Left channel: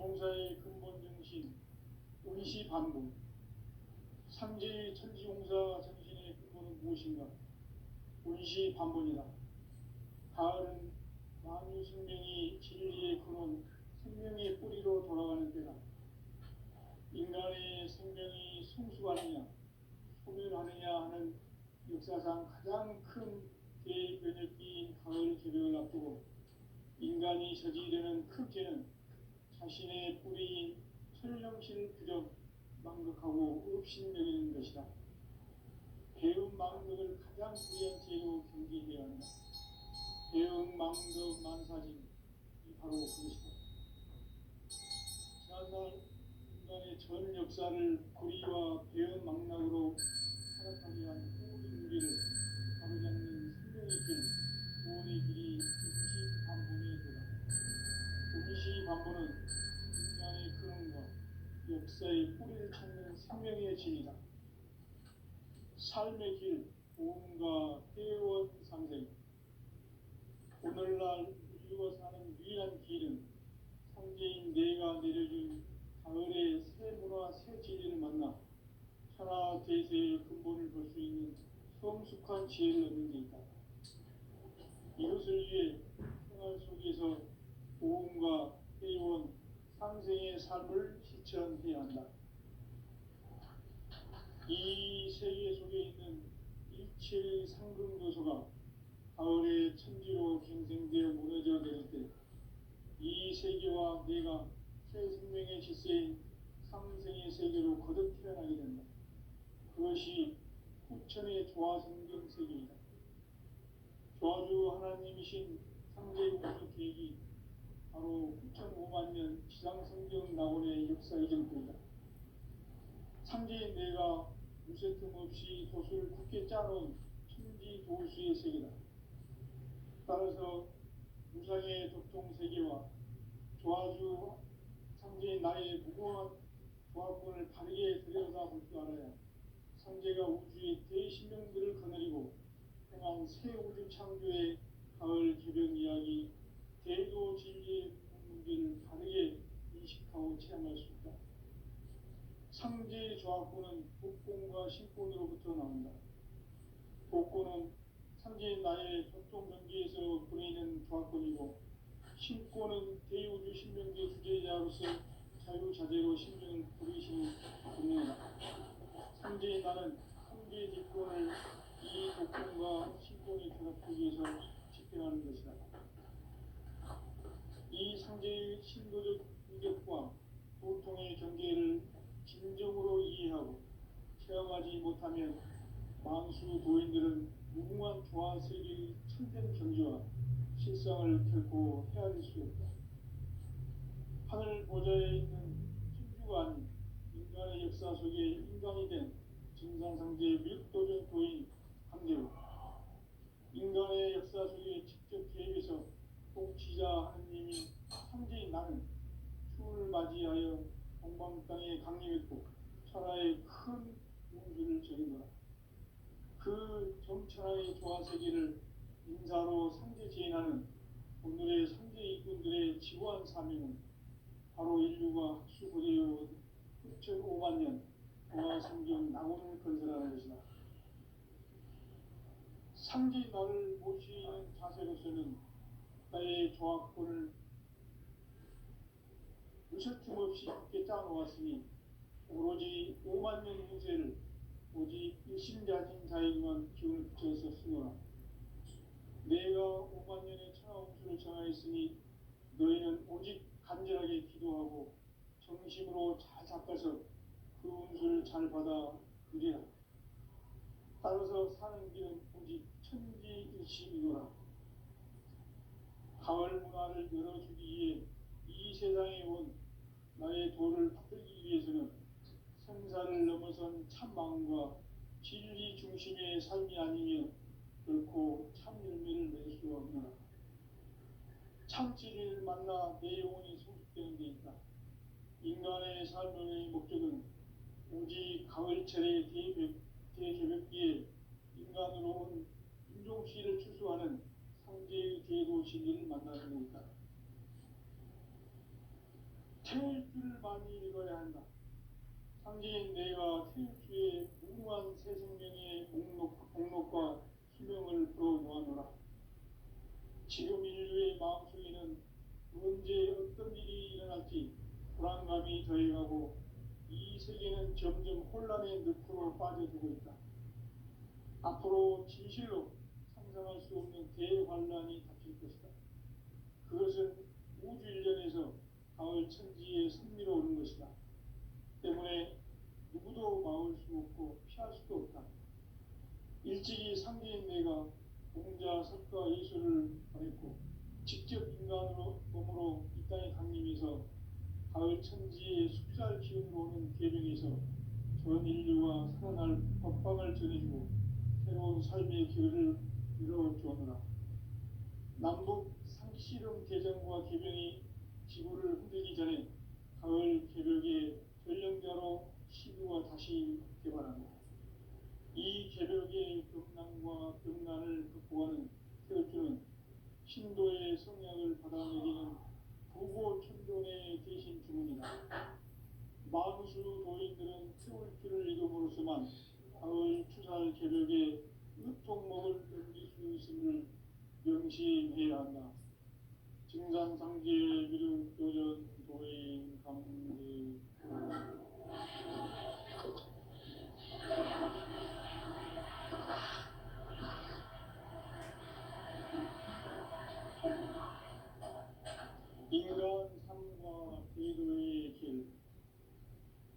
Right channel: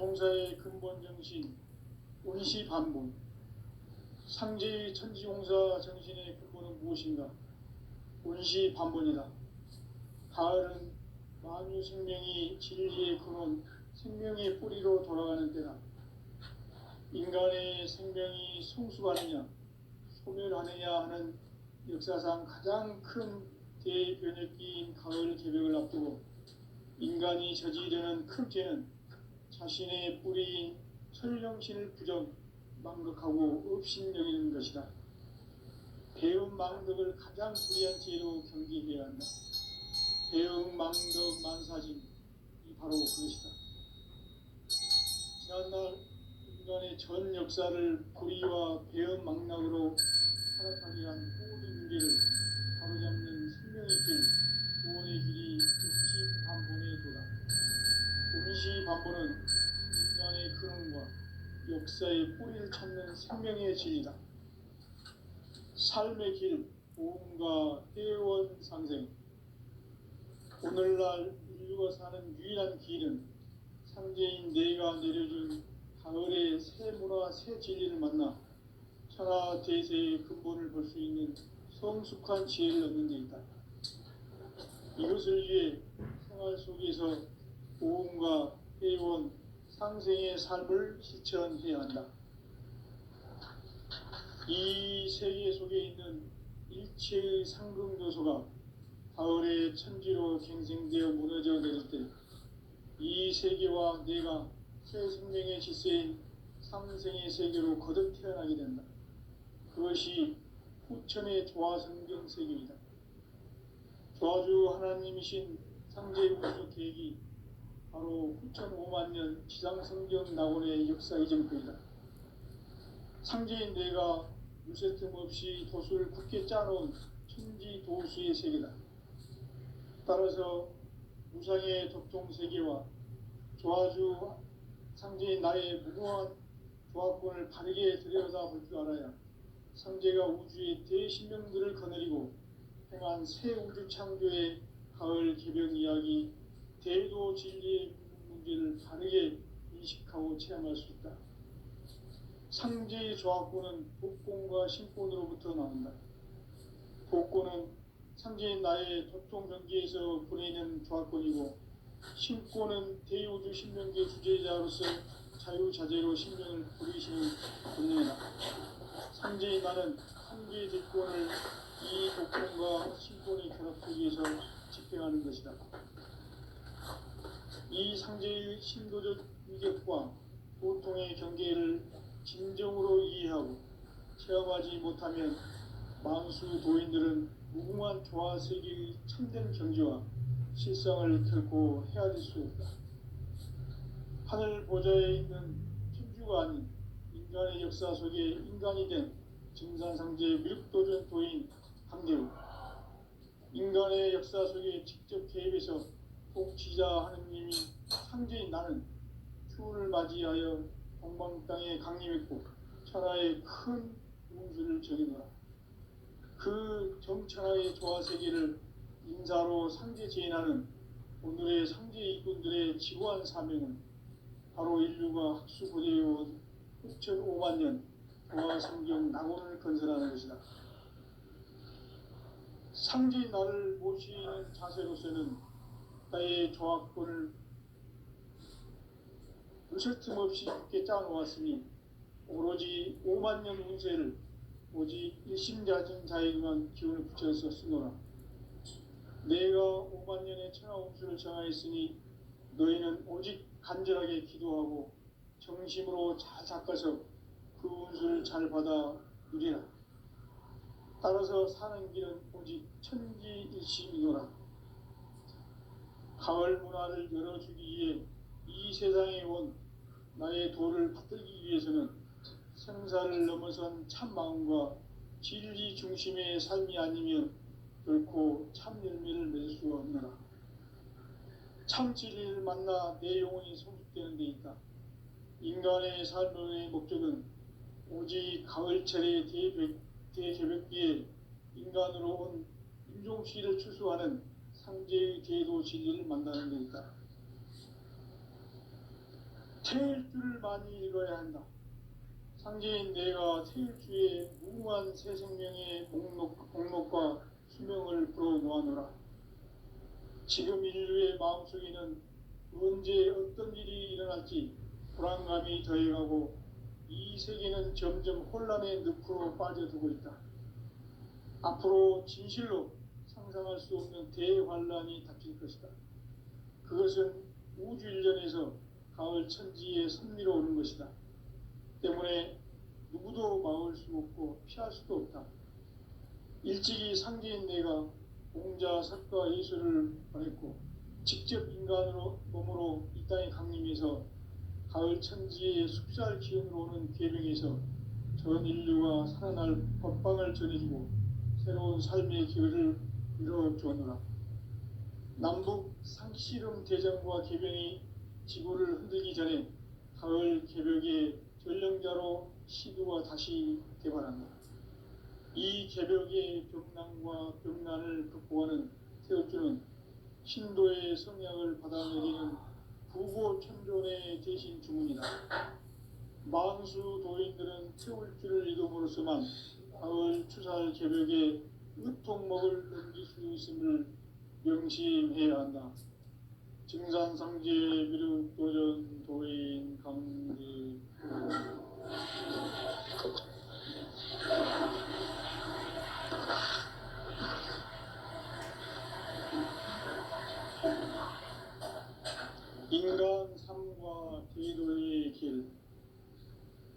천지봉사의 근본 정신, 운시반본. 상제의 천지봉사 정신의 근본은 무엇인가? 운시반본이다. 가을은 만유 생명이 진리의 근원, 생명의 뿌리로 돌아가는 때다. 인간의 생명이 성숙하느냐, 소멸하느냐 하는 역사상 가장 큰 대변혁기인 가을 개벽을 앞두고 인간이 저지르는 큰 죄는 자신의 뿌리인 설령신을 부정, 망극하고 업신여기는 것이다. 배움 망덕을 가장 불의한 죄로 경계해야 한다. 배움 망덕 만사진, 이 바로 그것이다. 지난날 인간의 전 역사를 불의와 배움 망락으로 타락하게 한 모든 유리를 바로잡는 생명의 길, 구원의 길이 운시반본의 도다. 운시반본은 인간의 근원과 역사의 뿌리를 찾는 생명의 진리다. 삶의 길, 보험과 회원 상생. 오늘날 인류가 사는 유일한 길은 상제인 내가 내려준 가을의 새 문화, 새 진리를 만나 천하 대세의 근본을 볼 수 있는 성숙한 지혜를 얻는 데 있다. 이것을 위해 생활 속에서 보험과 회원, 상생의 삶을 실천해야 한다. 이 세계 속에 있는 일체의 상승도소가 가을의 천지로 갱생되어 무너져 내릴 때 이 세계와 내가 새 생명의 질서인 상생의 세계로 거듭 태어나게 된다. 그것이 후천의 조화성경 세계이다. 조화주 하나님이신 상제무수 계획이 바로 후천 5만년 지상성경 낙원의 역사 이정표이다. 상제인 내가 무쇠 틈 없이 도수를 굳게 짜놓은 천지 도수의 세계다. 따라서 무상의 덕종세계와 조화주 상제인 나의 무궁한 조합권을 바르게 들여다볼 줄 알아야 상제가 우주의 대신명들을 거느리고 행한 새 우주 창조의 가을 개벽 이야기, 대도 진리의 문제를 바르게 인식하고 체험할 수 있다. 상제의 조합권은 복권과 신권으로부터 나온다. 복권은 상제인 나의 덕종경기에서 보내는 조합권이고, 신권은 대우주 신명계 주제자로서 자유자재로 신명을 부리시는 본능이다. 상제인 나는 상제의 대권을 이 복권과 신권의 결합 속에서 집행하는 것이다. 이 상제의 신도적 위력과 고통의 경계를 진정으로 이해하고 체험하지 못하면 만수 도인들은 무궁한 조화세계의 참된 경지와 실상을 결코 헤아릴 수 없다. 하늘 보좌에 있는 천주가 아닌 인간의 역사 속에 인간이 된 증산상제 밀도전 도인 강대우, 인간의 역사 속에 직접 개입해서 통치자 하느님이 상제인 나는 추운을 맞이하여 동방 땅에 강림했고 천하의 큰 운수를 정해놓아 그 정천하의 조화세계를 인사로 상제 제인하는 오늘의 상제 이꾼들의 지구한 사명은 바로 인류가 학수고대해온 후천 5만년 조화성경 낙원을 건설하는 것이다. 상제 나를 모시는 자세로서는 나의 조합권을 무쇠 틈 없이 굳게 짜놓았으니 오로지 5만년 운세를 오직 일심자진 자에게만 기운을 붙여서 쓰노라. 내가 5만년의 천하 운수를 정하였으니 너희는 오직 간절하게 기도하고 정심으로 잘 닦아서 그 운수를 잘 받아 누리라. 따라서 사는 길은 오직 천지일심이노라. 가을 문화를 열어주기 위해 이 세상에 온 나의 도를 받들기 위해서는 생사를 넘어선 참마음과 진리 중심의 삶이 아니면 결코 참 열매를 맺을 수가 없느라. 참 진리를 만나 내 영혼이 성숙되는 데 있다. 인간의 삶의 목적은 오직 가을철의 대개벽기에 인간으로 온 인종시를 출소하는 상제의 대도 진리를 만나는 데 있다. 태일주를 많이 읽어야 한다. 상제인 내가 태일주의 무궁한 새 생명의 목록과 수명을 풀어놓아노라. 지금 인류의 마음속에는 언제 어떤 일이 일어날지 불안감이 더해가고 이 세계는 점점 혼란의 늪으로 빠져들고 있다. 앞으로 진실로 상상할 수 없는 대환란이 닥칠 것이다. 그것은 우주 일련에서 가을 천지의 선미로 오는 것이다. 때문에 누구도 막을 수 없고 피할 수도 없다. 일찍이 상제인 내가 공자, 석가, 예수를 보냈고 직접 인간으로 몸으로 이 땅에 강림해서 가을 천지의 숲살 기운으로 오는 계명에서 전 인류가 살아날 법방을 전해주고 새로운 삶의 기회를 이루어주었노라. 남북 상씨름 대전과 계병이 지구를 흔들기 전에 가을 개벽의 전령자로 시두가 다시 개발한다. 이 개벽의 벽난과 벽난을 극복하는 태엽주는 신도의 성약을 받아내리는 부고천존의 대신 주문이다. 망수 도인들은 태울주를 이름으로서만 가을 추살 개벽의 으통목을 넘길 수 있음을 명심해야 한다. 증산상제 미륵도전 도인 강지 인간 삶과 대도의 길.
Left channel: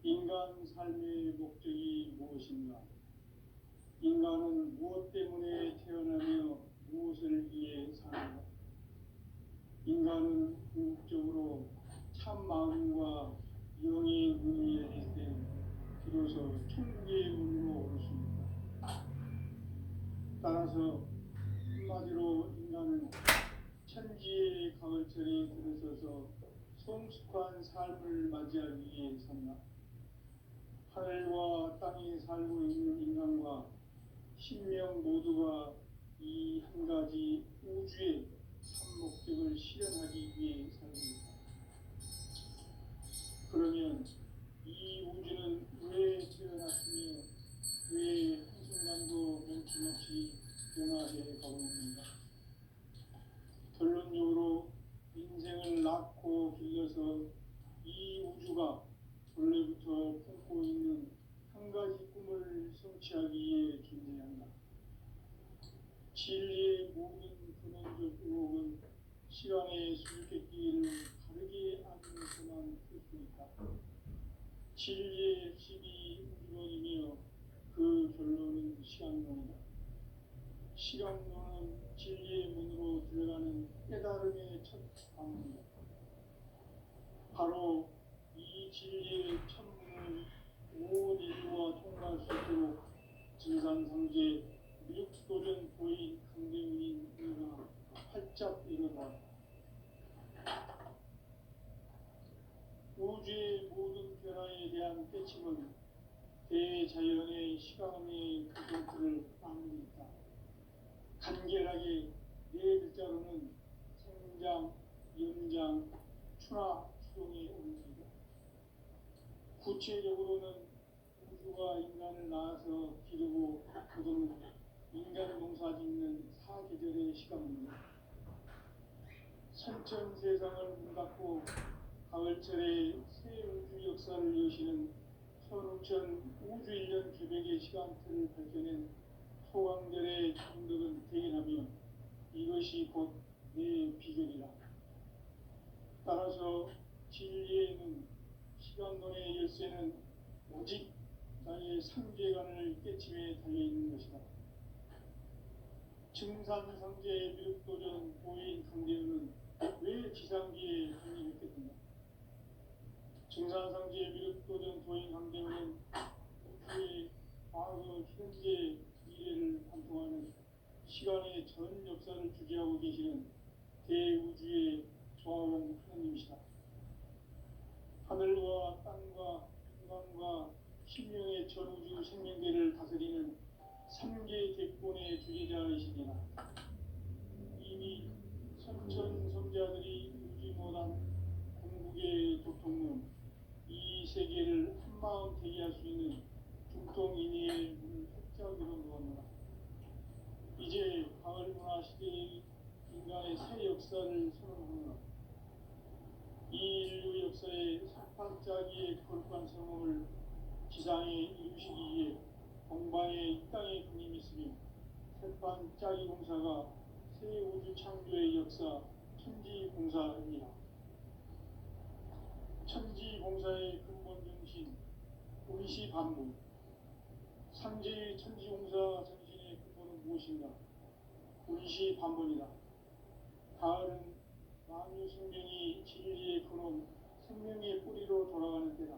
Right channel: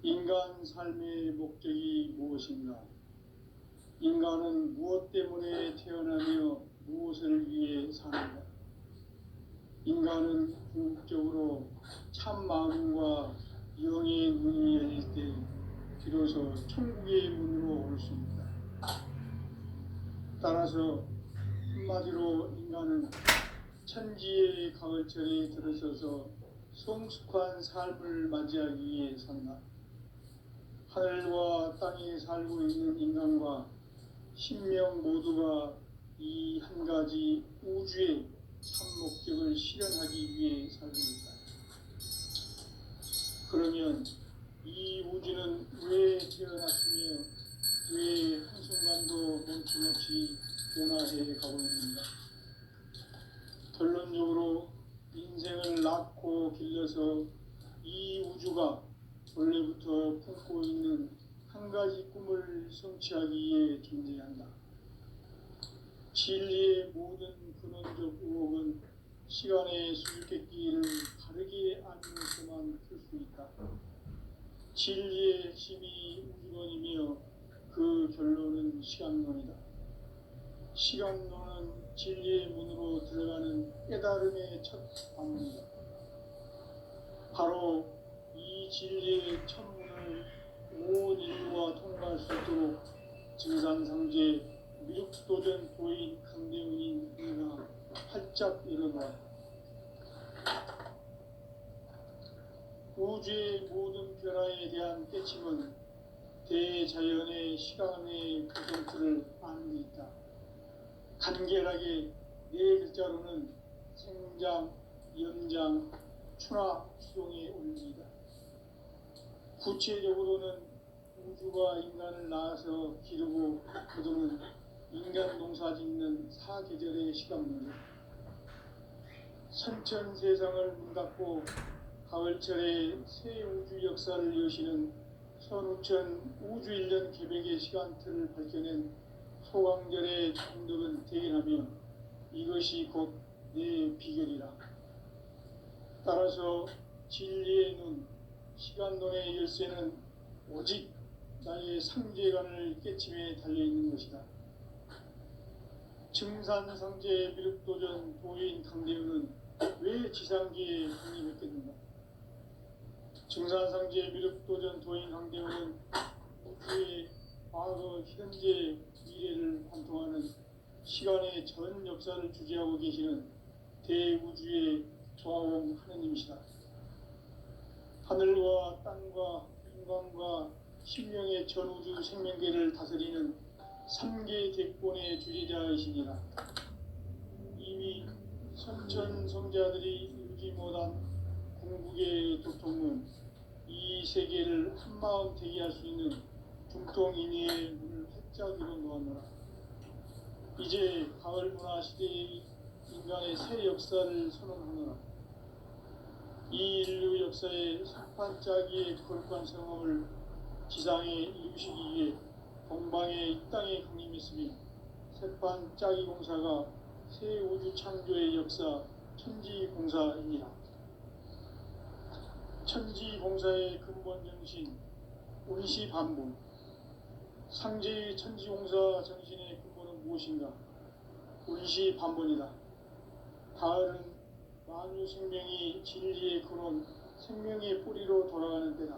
인간 삶의 목적이 무엇인가? 인간은 무엇 때문에 태어나며 무엇을 위해 사는가? 인간은 궁극적으로 참 마음과 영의 문이 열릴 때 비로소 천국의 문으로 올 수 있다. 따라서 한마디로 인간은 천지의 가을철에 들어서서 성숙한 삶을 맞이하기 위해 산다. 하늘과 땅에 살고 있는 인간과 신명 모두가 이 한 가지 우주의 참 목적을 실현하기 위해 살고 있다. 그러면 이 우주는 왜 태어났으며 왜 한순간도 멈춤없이 변화해 가고 있는가? 결론적으로 인생을 낳고 길러서 이 우주가 원래부터 품고 있는 한 가지 꿈을 성취하기 위해 존재한다. 진리의 모든 근원적 의혹은 시간의 수수께끼를 바르게 알면서만 풀 수 있다. 진리의 핵심이 우주론이며 그 결론은 시간론이다. 시간론은 진리의 문으로 들어가는 깨달음의 첫 방문이다. 바로 이 진리의 첫문을 온 인류가 통과할 수 있도록 증산상제 미륵도전 도인 강대훈인 우리가 활짝 열어봐. 우주의 모든 변화에 대한 깨침은 대자연의 시간의 구성틀을 아는 데 있다. 간결하게 네 글자로는 생장, 연장, 추락, 추동의 원리이다. 구체적으로는 우주가 인간을 낳아서 기르고 거두는 인간 농사 짓는 사계절의 시간문이다. 선천 세상을 문 닫고 가을철에 새 우주 역사를 여시는 선우천 우주 1년 계백의 시간틀을 밝혀낸 소강절의 정덕은 대견하며 이것이 곧 내 비결이라. 따라서 진리의 눈, 시간론의 열쇠는 오직 나의 상제관을 깨침에 달려있는 것이다. 증산상제 미륵도전 도인 강대훈은 왜 지상기에 독립했겠는가? 증산상제 미륵도전 도인 강대훈은 우주의 과거, 현재, 미래를 관통하는 시간의 전 역사를 주재하고 계시는 대우주의 조화원 하느님이시다. 하늘과 땅과 인간과 신명의 전우주 생명계를 다스리는 3계 대권의 주제자이시니라. 이미 선천성자들이 읽지 못한 궁극의 도통문 세계를 한마음 되게 할 수 있는 중동인의 문을 활짝 열어놓았노라. 이제 가을 문화 시대의 인간의 새 역사를 선언하노라. 이 인류 역사의 산판짜기의 거룩한 성험을 지상에 이루시기 위해 동방의 이 땅에 강림했으며 새판짜기 공사가 새 우주 창조의 역사 천지공사입니다. 천지공사의 근본 정신 운시반복. 상제의 천지공사 정신의 근본은 무엇인가? 운시반복이다. 가을은 만유 생명이 진리의 근원, 생명의 뿌리로 돌아가는 때다.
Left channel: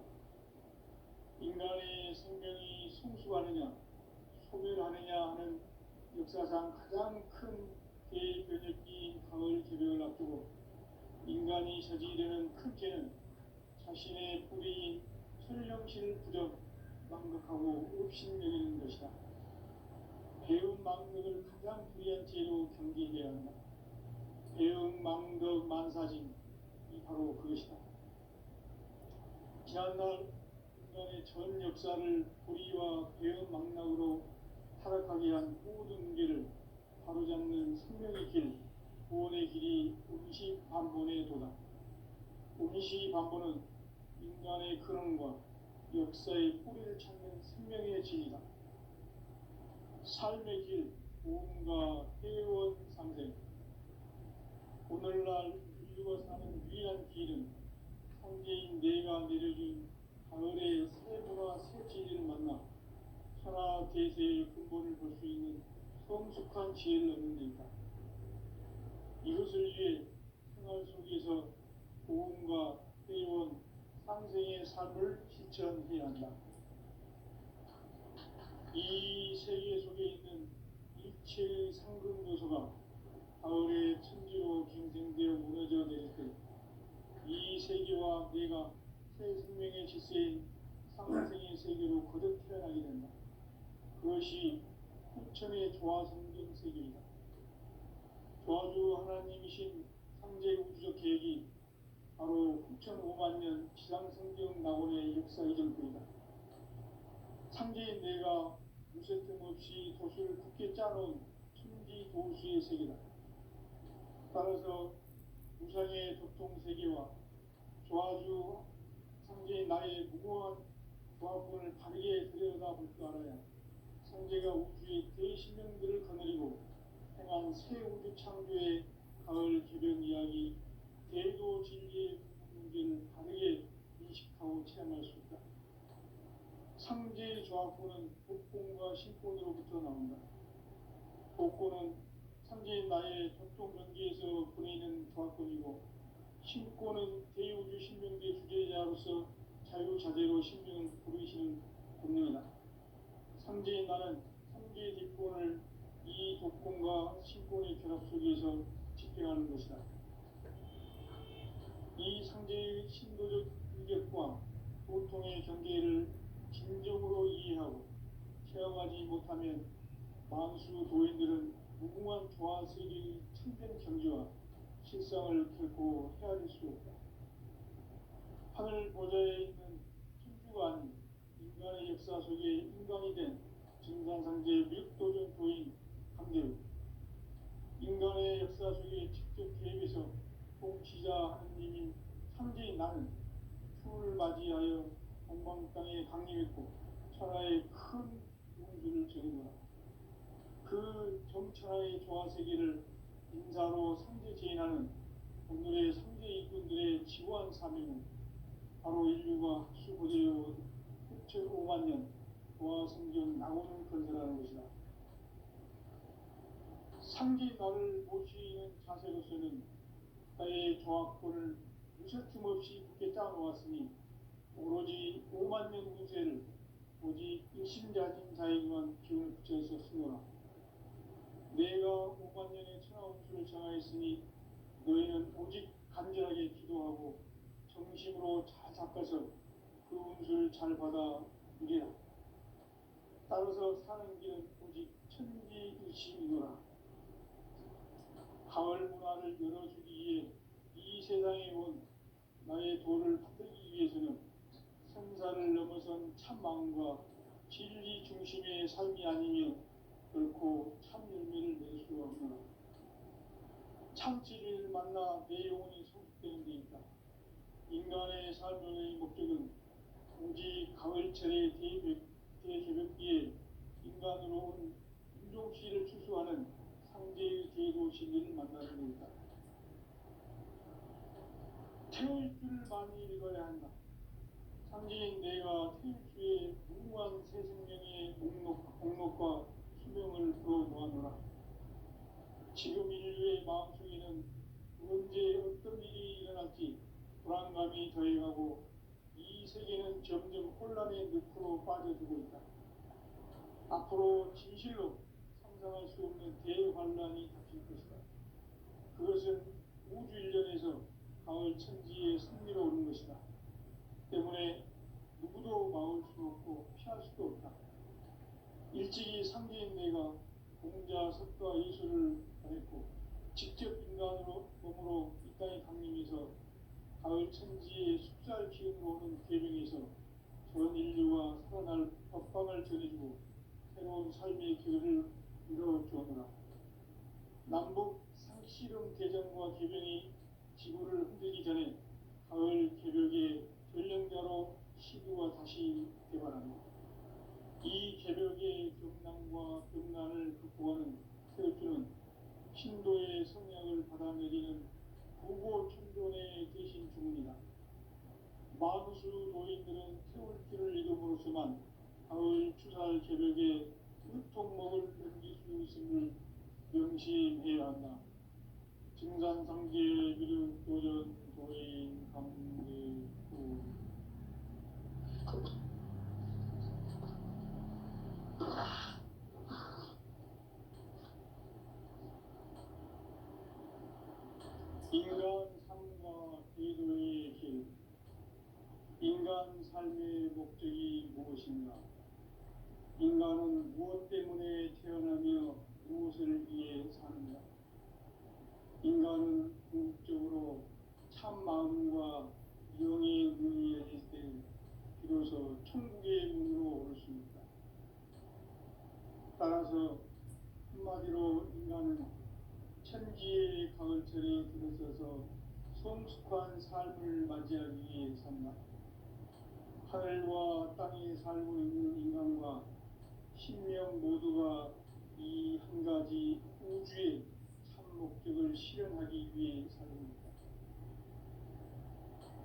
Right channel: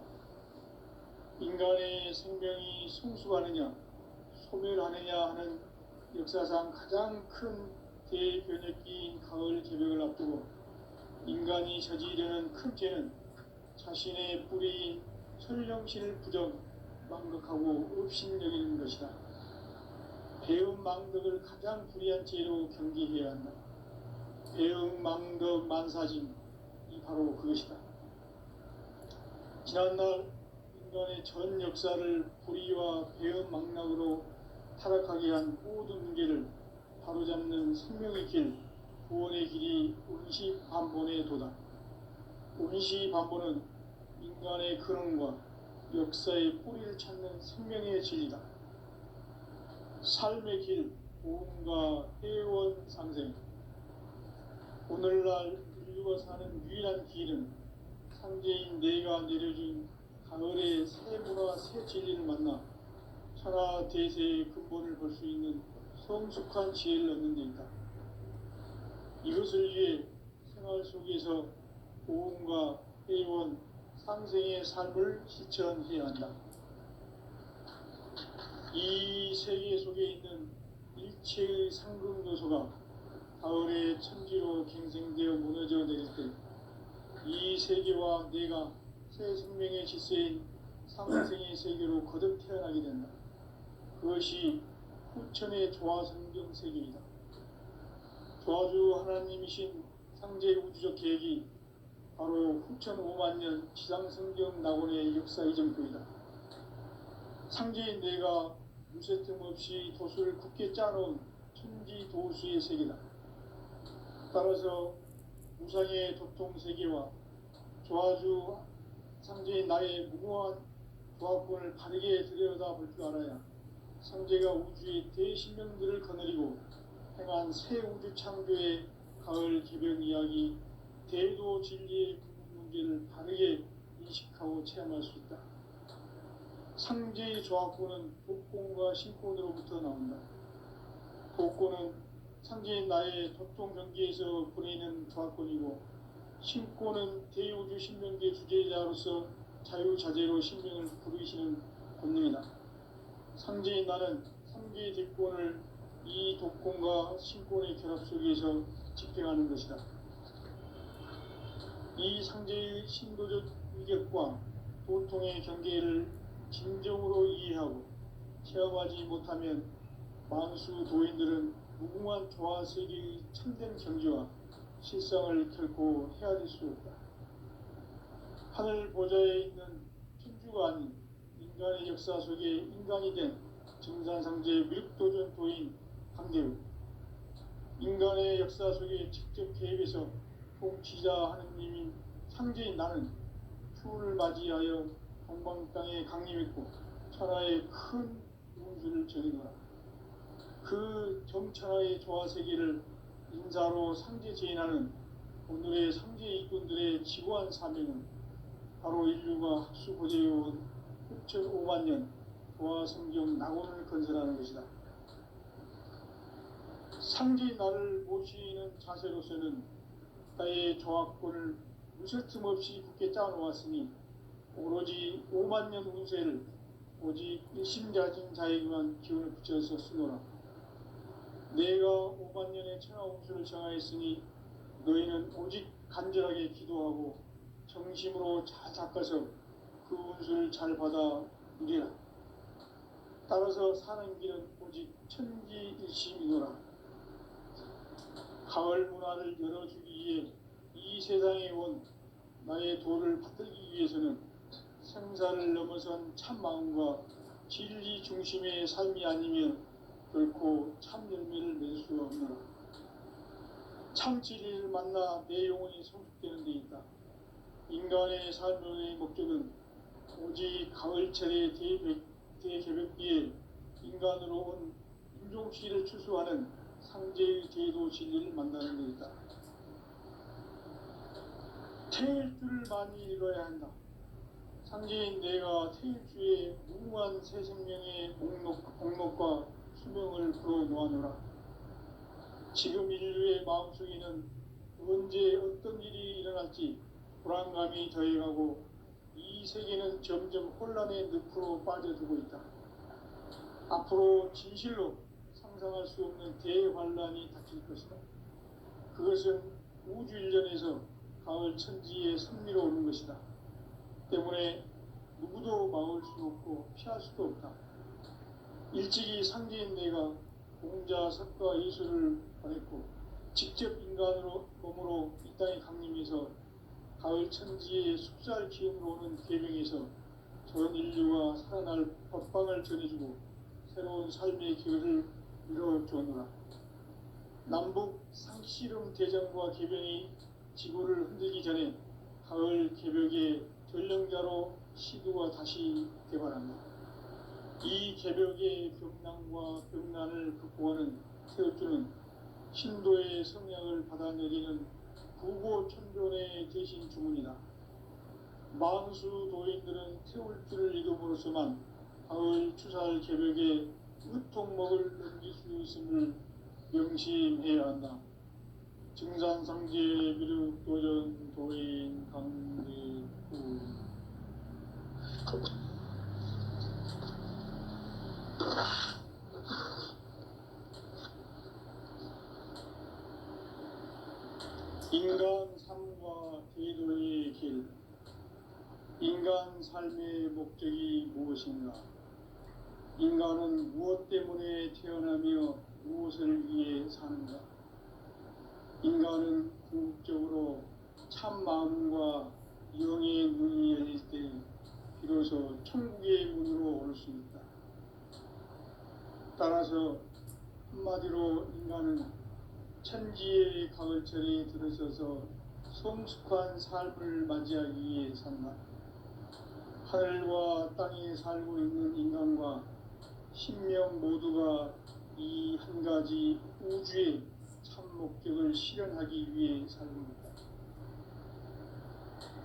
인간의 생명이 성숙하느냐, 소멸하느냐 하는 역사상 가장 큰 대변혁기인 가을 개벽을 앞두고 인간이 저지르는 큰 죄는 자신의 뿌리인 설령신을 부정, 망덕하고 업신여기는 것이다. 배움 망덕을 가장 불의한 죄로 경계해야 한다. 배움 망덕 만사짐이 바로 그것이다. 지난날 인간의 전 역사를 불의와 배움 망락으로 타락하게 한 모든 문제를 바로잡는 생명의 길, 구원의 길이 운시반본의 도다. 운시반본은 인간의 근원과 역사의 뿌리를 찾는 생명의 진리다. 삶의 길, 보험과 회원 상생. 오늘날 인류가 사는 유일한 길은 상제인 내가 내려준 가을의 새 문화 새 진리를 만나 천하 대세의 근본을 볼 수 있는 성숙한 지혜를 얻는 데이다. 이것을 위해 생활 속에서 보험과 회원 상생의 삶을 실천해야 한다. 이 세계 속에 있는 일체의 상급 요소가 가을의 천지로 갱생되어 무너져 내릴 때 이 세계와 내가 새 생명의 질서인 상생의 세계로 거듭 태어나게 된다. 그것이 후천의 조화성경 세계이다. 조화주 하나님이신 상제 우주적 계획이 바로 후천 5만 년 지상성경 낙원의 역사 이전부이다. 상제인 내가 무쇠틈 없이 도수를 굳게 짜놓은 천지 도수의 세계다. 따라서 무상의 도통 세계와 조화주 상제인 나의 무궁한 조합권을 바르게 들여다볼 줄 알아야 상제가 우주의 대신명들을 거느리고 행한 새 우주 창조의 가을 개벽 이야기 대도 진리의 문제를 바르게 인식하고 체험할 수 있다. 상제의 조합권은 독권과 신권으로부터 나온다. 독권은 상제인 나의 도통 경계에서 보내는 조합권이고, 신권은 대우주 신명계 주제자로서 자유자재로 신명을 부르시는 권능이다. 상제인 나는 상제의 대권을 이 독권과 신권의 결합 속에서 집행하는 것이다. 이 상제의 신도적 위격과 도통의 경계를 진정으로 이해하고 체험하지 못하면 만수 도인들은 무궁한 조화세계의 참된 경지와 실상을 결코 헤아릴 수 없다. 하늘 보좌에 있는 천주가 아닌 인간의 역사 속에 인간이 된 정산상제 밀도전 도인 강대우, 인간의 역사 속에 직접 개입해서 통치자 하느님인 상제인 나는 추를 맞이하여 동방 땅에 강림했고 천하의 큰 운수를 전해노라. 그 정천하의 조화세계를 인사로 상제 제인하는 오늘의 상제 일꾼들의 지구한 사명은 바로 인류가 합수고대해온 6,5만 년 조화성경 낙원을 건설하는 것이다. 상제인 나를 모시는 자세로서는 나의 조합권을 무쇠틈 없이 굳게 짜놓았으니 오로지 5만 년 운세를 오직 일심자진 자에게만 기운을 붙여서 쓰노라. 내가 5만 년의 천하 운수를 정하였으니 너희는 오직 간절하게 기도하고 정심으로 잘 닦아서 그 운수를 잘 받아 누리라. 따라서 사는 길은 오직 천지일심이노라. 가을 문화를 열어주기 위해 이 세상에 온 나의 도를 받들기 위해서는 참 마음과 진리 중심의 삶이 아니면 결코 참 열매를 맺을 수가 없노라. 참 진리를 만나 내 영혼이 성숙되는 데 있다. 인간의 삶의 목적은 오직 가을철의 대개벽기에 인간으로 온 인종씨를 추수하는 상제의 제도 진리를 만나는 데 있다. 태일주를 많이 읽어야 한다. 상제인 내가 태일주의 무궁한 새 생명의 목록과 수명을 풀어놓아노라. 지금 인류의 마음속에는 언제 어떤 일이 일어날지 불안감이 더해가고 이 세계는 점점 혼란의 늪으로 빠져들고 있다. 앞으로 진실로 상상할 수 없는 대환란이 닥칠 것이다. 그것은 우주 일련에서 가을 천지의 섭리로 오는 것이다. 때문에 누구도 막을 수 없고 피할 수도 없다. 일찍이 상제인 내가 공자, 석가, 예수를 보냈고 직접 인간으로 몸으로 이 땅에 강림해서 가을 천지의 숲살 기운으로 오는 계명에서 전 인류가 살아날 법방을 전해주고 새로운 삶의 기회를 이뤄주었노라. 남북 상씨름 대전과 개병이 지구를 흔들기 전에 가을 개벽의 전령자로 시도가 다시 개발합니다. 이 개벽의 벽난과 벽난을 극복하는 태울주는 신도의 성향을 받아내리는 부고천존의 대신 주문이다. 만수 도인들은 태울주를 읽음으로써만 가을 추살 개벽의 으통목을 넘길 수 있음을 명심해야 한다. 증산상제 비륙 도전 도인 강대구 인간 삶과 대도의 길. 인간 삶의 목적이 무엇인가? 인간은 무엇 때문에 태어나며 무엇을 위해 사는가? 인간은 궁극적으로 참 마음과 영의 문이 열릴 때 비로소 천국의 문으로 올 수 있다. 따라서 한마디로 인간은 천지의 가을철에 들어서서 성숙한 삶을 맞이하기 위해 산다. 하늘과 땅에 살고 있는 인간과 신명 모두가 이 한 가지 우주의 참 목적을 실현하기 위해 살고 있다.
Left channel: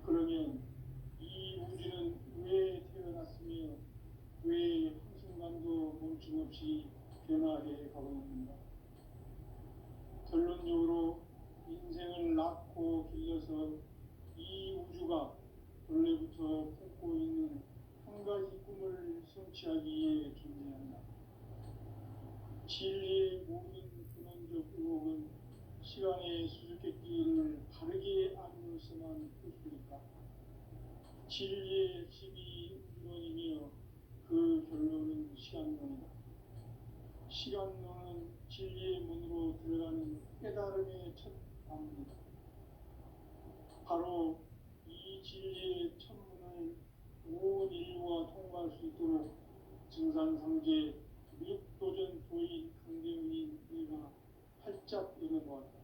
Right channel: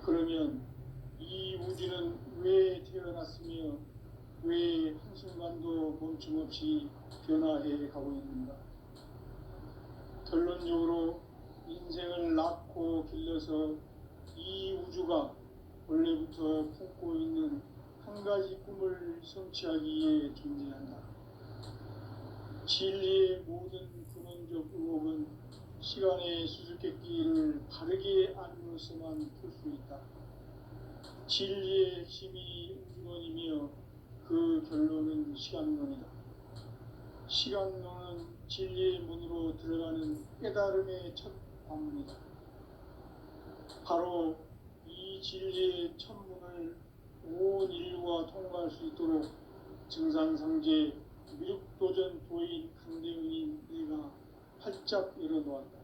그러면 이 우주는 왜 태어났으며 왜 한순간도 멈춤없이 변화해 가고 있는가? 결론적으로 인생을 낳고 길러서 이 우주가 원래부터 품고 있는 한 가지 꿈을 성취하기 위해 존재한다. 진리의 모든 근원적 의혹은 시간의 수수께끼를 바르게 알므로서만 풀 수 있다. 진리의 핵심이 우주론이며 그 결론은 시간론이다. 시간론은 진리의 문으로 들어가는 깨달음의 첫 관문이다. 바로 이 진리의 첫 문을 온 인류가 통과할 수 있도록 증산상제 미륵도전 도인 강대웅인 내가 활짝 열어놓았다.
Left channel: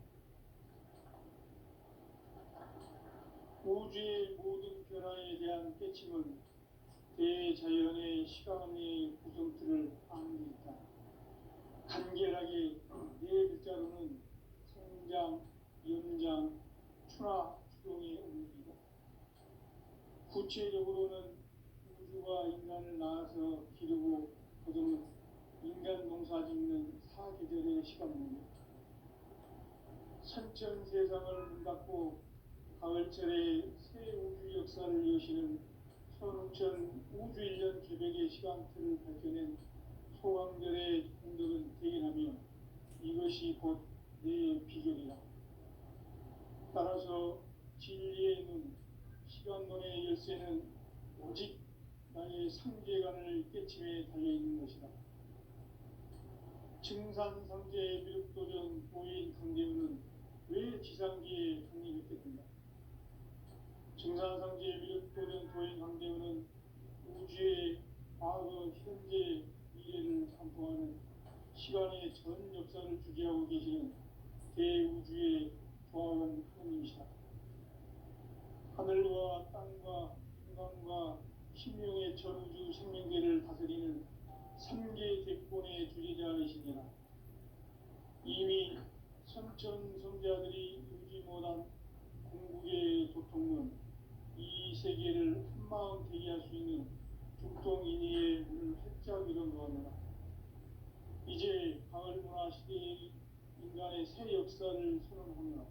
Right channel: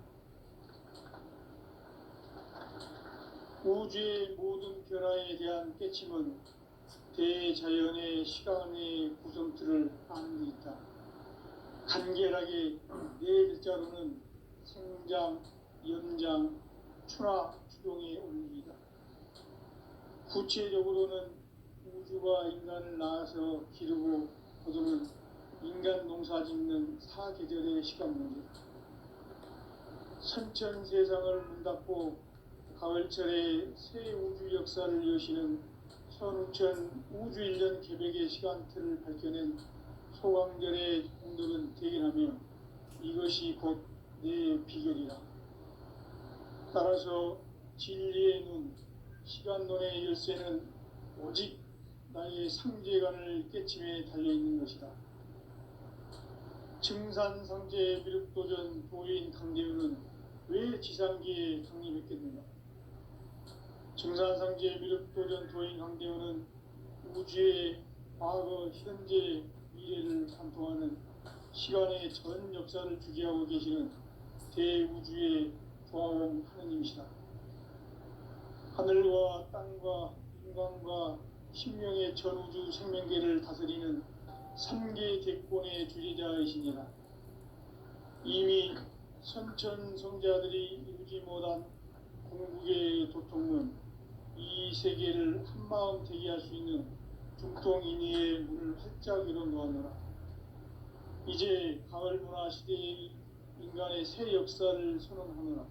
우주의 모든 변화에 대한 깨침은 대자연의 시간의 구성틀을 아는 데 있다. 간결하게 네 글자로는 생장, 연장, 추나 추동의 원리이다. 구체적으로는 우주가 인간을 낳아서 기르고 거두는 인간 농사 짓는 사계절의 시간 문제다. 선천 세상을 문 닫고 가을철에 새 우주 역사를 여시는 선우천 우주일년 개벽의 시간틀을 밝혀낸 소강절의 공덕은 대견하며 이것이 곧 내 비결이다. 따라서 진리의 눈, 시간론의 열쇠는 오직 나의 상제관을 깨침에 달려있는 것이다. 증산상제 미륵도전 도인 강대우는 왜 지상기에 강림했겠는가? 증산상제 미륵도전 도인 강대우는 우주의 시간의 전 역사를 주재하고 계시는 대우주의 조화원 하느님이시다. 하늘과 땅과 인간과 신명의 전우주 생명계를 다스리는 삼계 대권의 주재자이시니라. 이미 선천성자들이 이루지 못한 공국의 도통은 이 세계를 한마음 되게 할 수 있는 중통인의의 문을 활짝 열어놓았노라. 이제 가을 문화 시대의 인간의 새 역사를 선언하노라.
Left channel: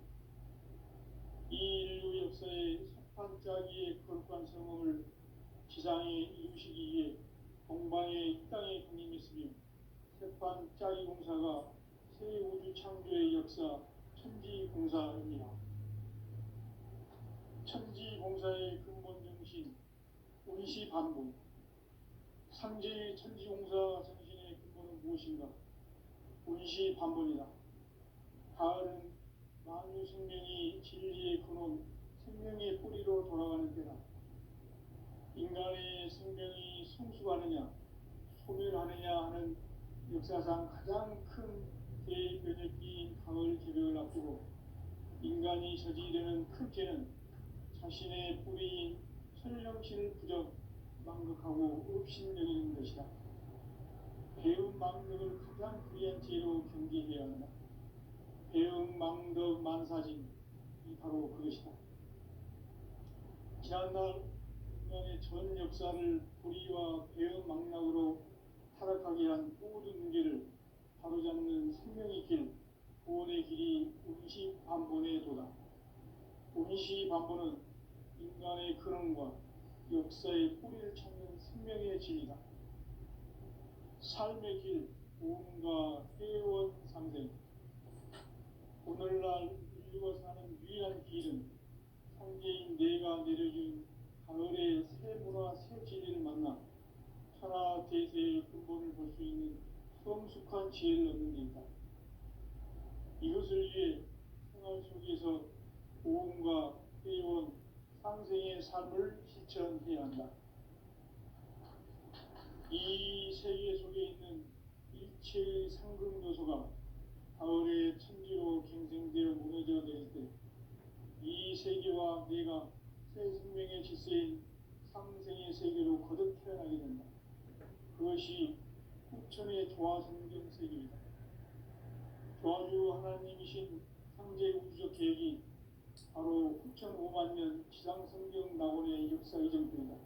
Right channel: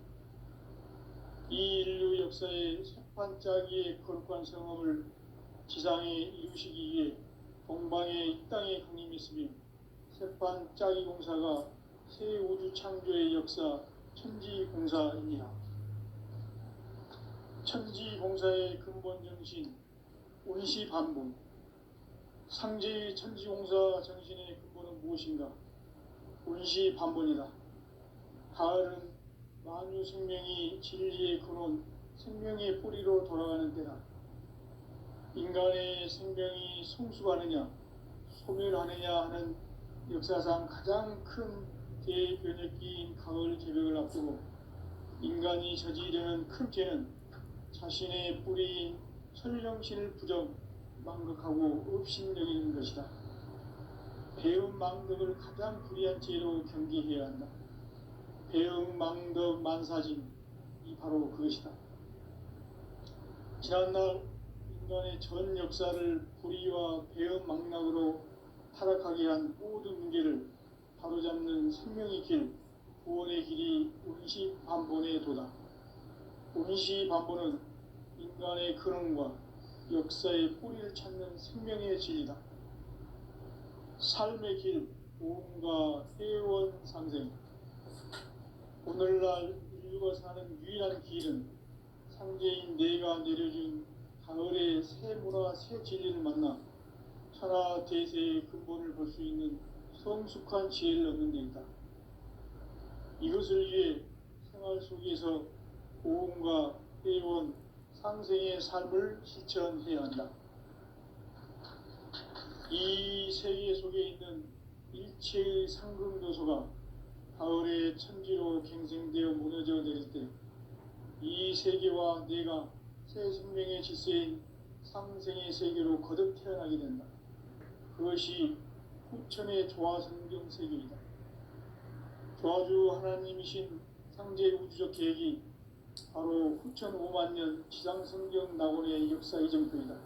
이 인류 역사의 새판짜기의 거룩한 성험을 지상에 이루시기 위해 동방의 이 땅에 강림했으며 새판짜기 공사가 새 우주 창조의 역사 천지공사입니다. 천지공사의 근본 정신 운시반복. 상제의 천지공사 정신의 근본은 무엇인가? 운시반복이다. 가을은 만유 생명이 진리의 근원, 생명의 뿌리로 돌아가는 때다. 인간의 생명이 성숙하느냐, 소멸하느냐 하는 역사상 가장 큰 대변혁기인 가을 개벽을 앞두고 인간이 저지르는 큰 죄는 자신의 뿌리인 설령신을 부정, 망극하고 업신여기는 것이다. 배움 망덕을 가장 불의한 죄로 경계해야 한다. 배움 망덕 만사진이 바로 그것이다. 지난날 인간의 전 역사를 불의와 배움 망락으로 타락하게 한 모든 문제를 바로잡는 생명의 길, 구원의 길이 운시반본의 도다. 운시반본은 인간의 근원과 역사의 뿌리를 찾는 생명의 진리다. 삶의 길, 보험과 회원 상생. 오늘날 인류가 사는 유일한 길은 상제인 내가 내려준 가을의 새 문화, 새 진리를 만나 천하 대세의 근본을 볼 수 있는 성숙한 지혜를 얻는 데 있다. 이것을 위해 생활 속에서 보험과 회원, 상생의 삶을 실천해야 한다. 이 세계 속에 있는 일체의 상금도소가 가을의 천지로 갱생되어 무너져 내릴 때 이 세계와 내가 새 생명의 질서인 상생의 세계로 거듭 태어나게 된다. 그것이 후천의 조화성경 세계이다. 조화주 하나님이신 상제 우주적 계획이 바로 후천 5만년 지상성경 낙원의 역사 이정표이다.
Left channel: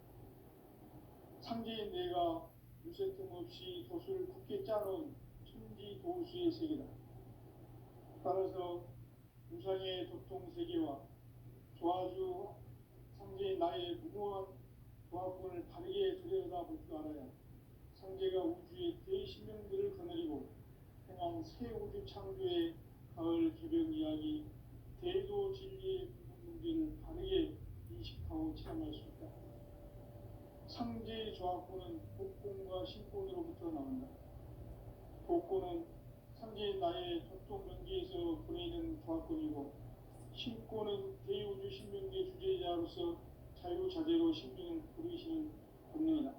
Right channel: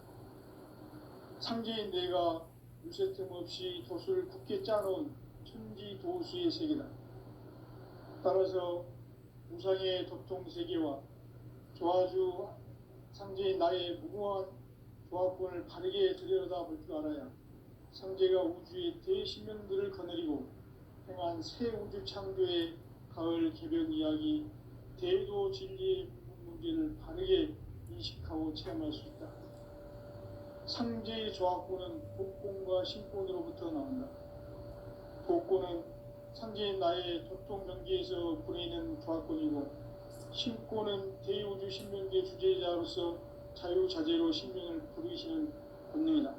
상제인 내가 유세 틈 없이 돛을 굳게 짜놓은 천지도수의 세계다. 따라서 우상의 도통세계와 조화주 상제인 나의 무궁한 조합권을 바르게 들여다볼 줄 알아야 상제가 우주의 대신명들을 거느리고 행한 새 우주 창조의 가을 개벽 이야기, 대도 진리의 문제를 바르게 인식하고 체험할 수 있다. 상제의 조합권은 복권과 신권으로부터 나온다. 복권은 상제인 나의 도통 경계에서 보내는 조합권이고, 신권은 대우주 신명계 주제자로서 자유자재로 신명을 부르시는 본능이다.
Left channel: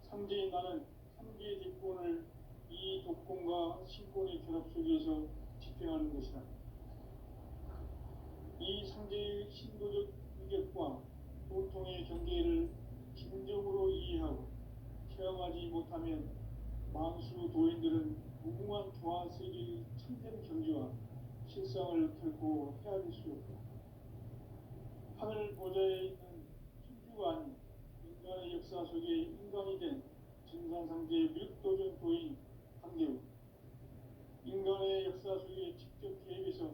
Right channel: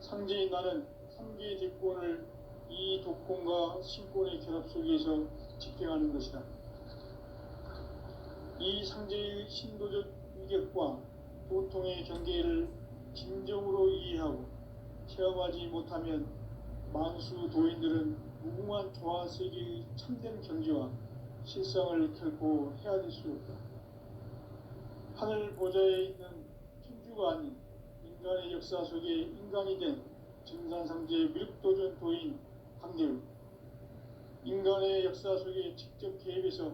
상제인 나는 3개의 대권을 이 도권과 신권의 결합 속에서 집행하는 것이다. 이 상제의 신도적 위력과 도통의 경계를 진정으로 이해하고 체험하지 못하면 만수 도인들은 무궁한 조화세계의 참된 경지와 실상을 결코 헤아릴 수 없다. 하늘 보좌에 있는 천주가 아닌 인간의 역사 속에 인간이 된 증산상제 미륵도전 도인 황대우, 인간의 역사 속에 직접 개입해서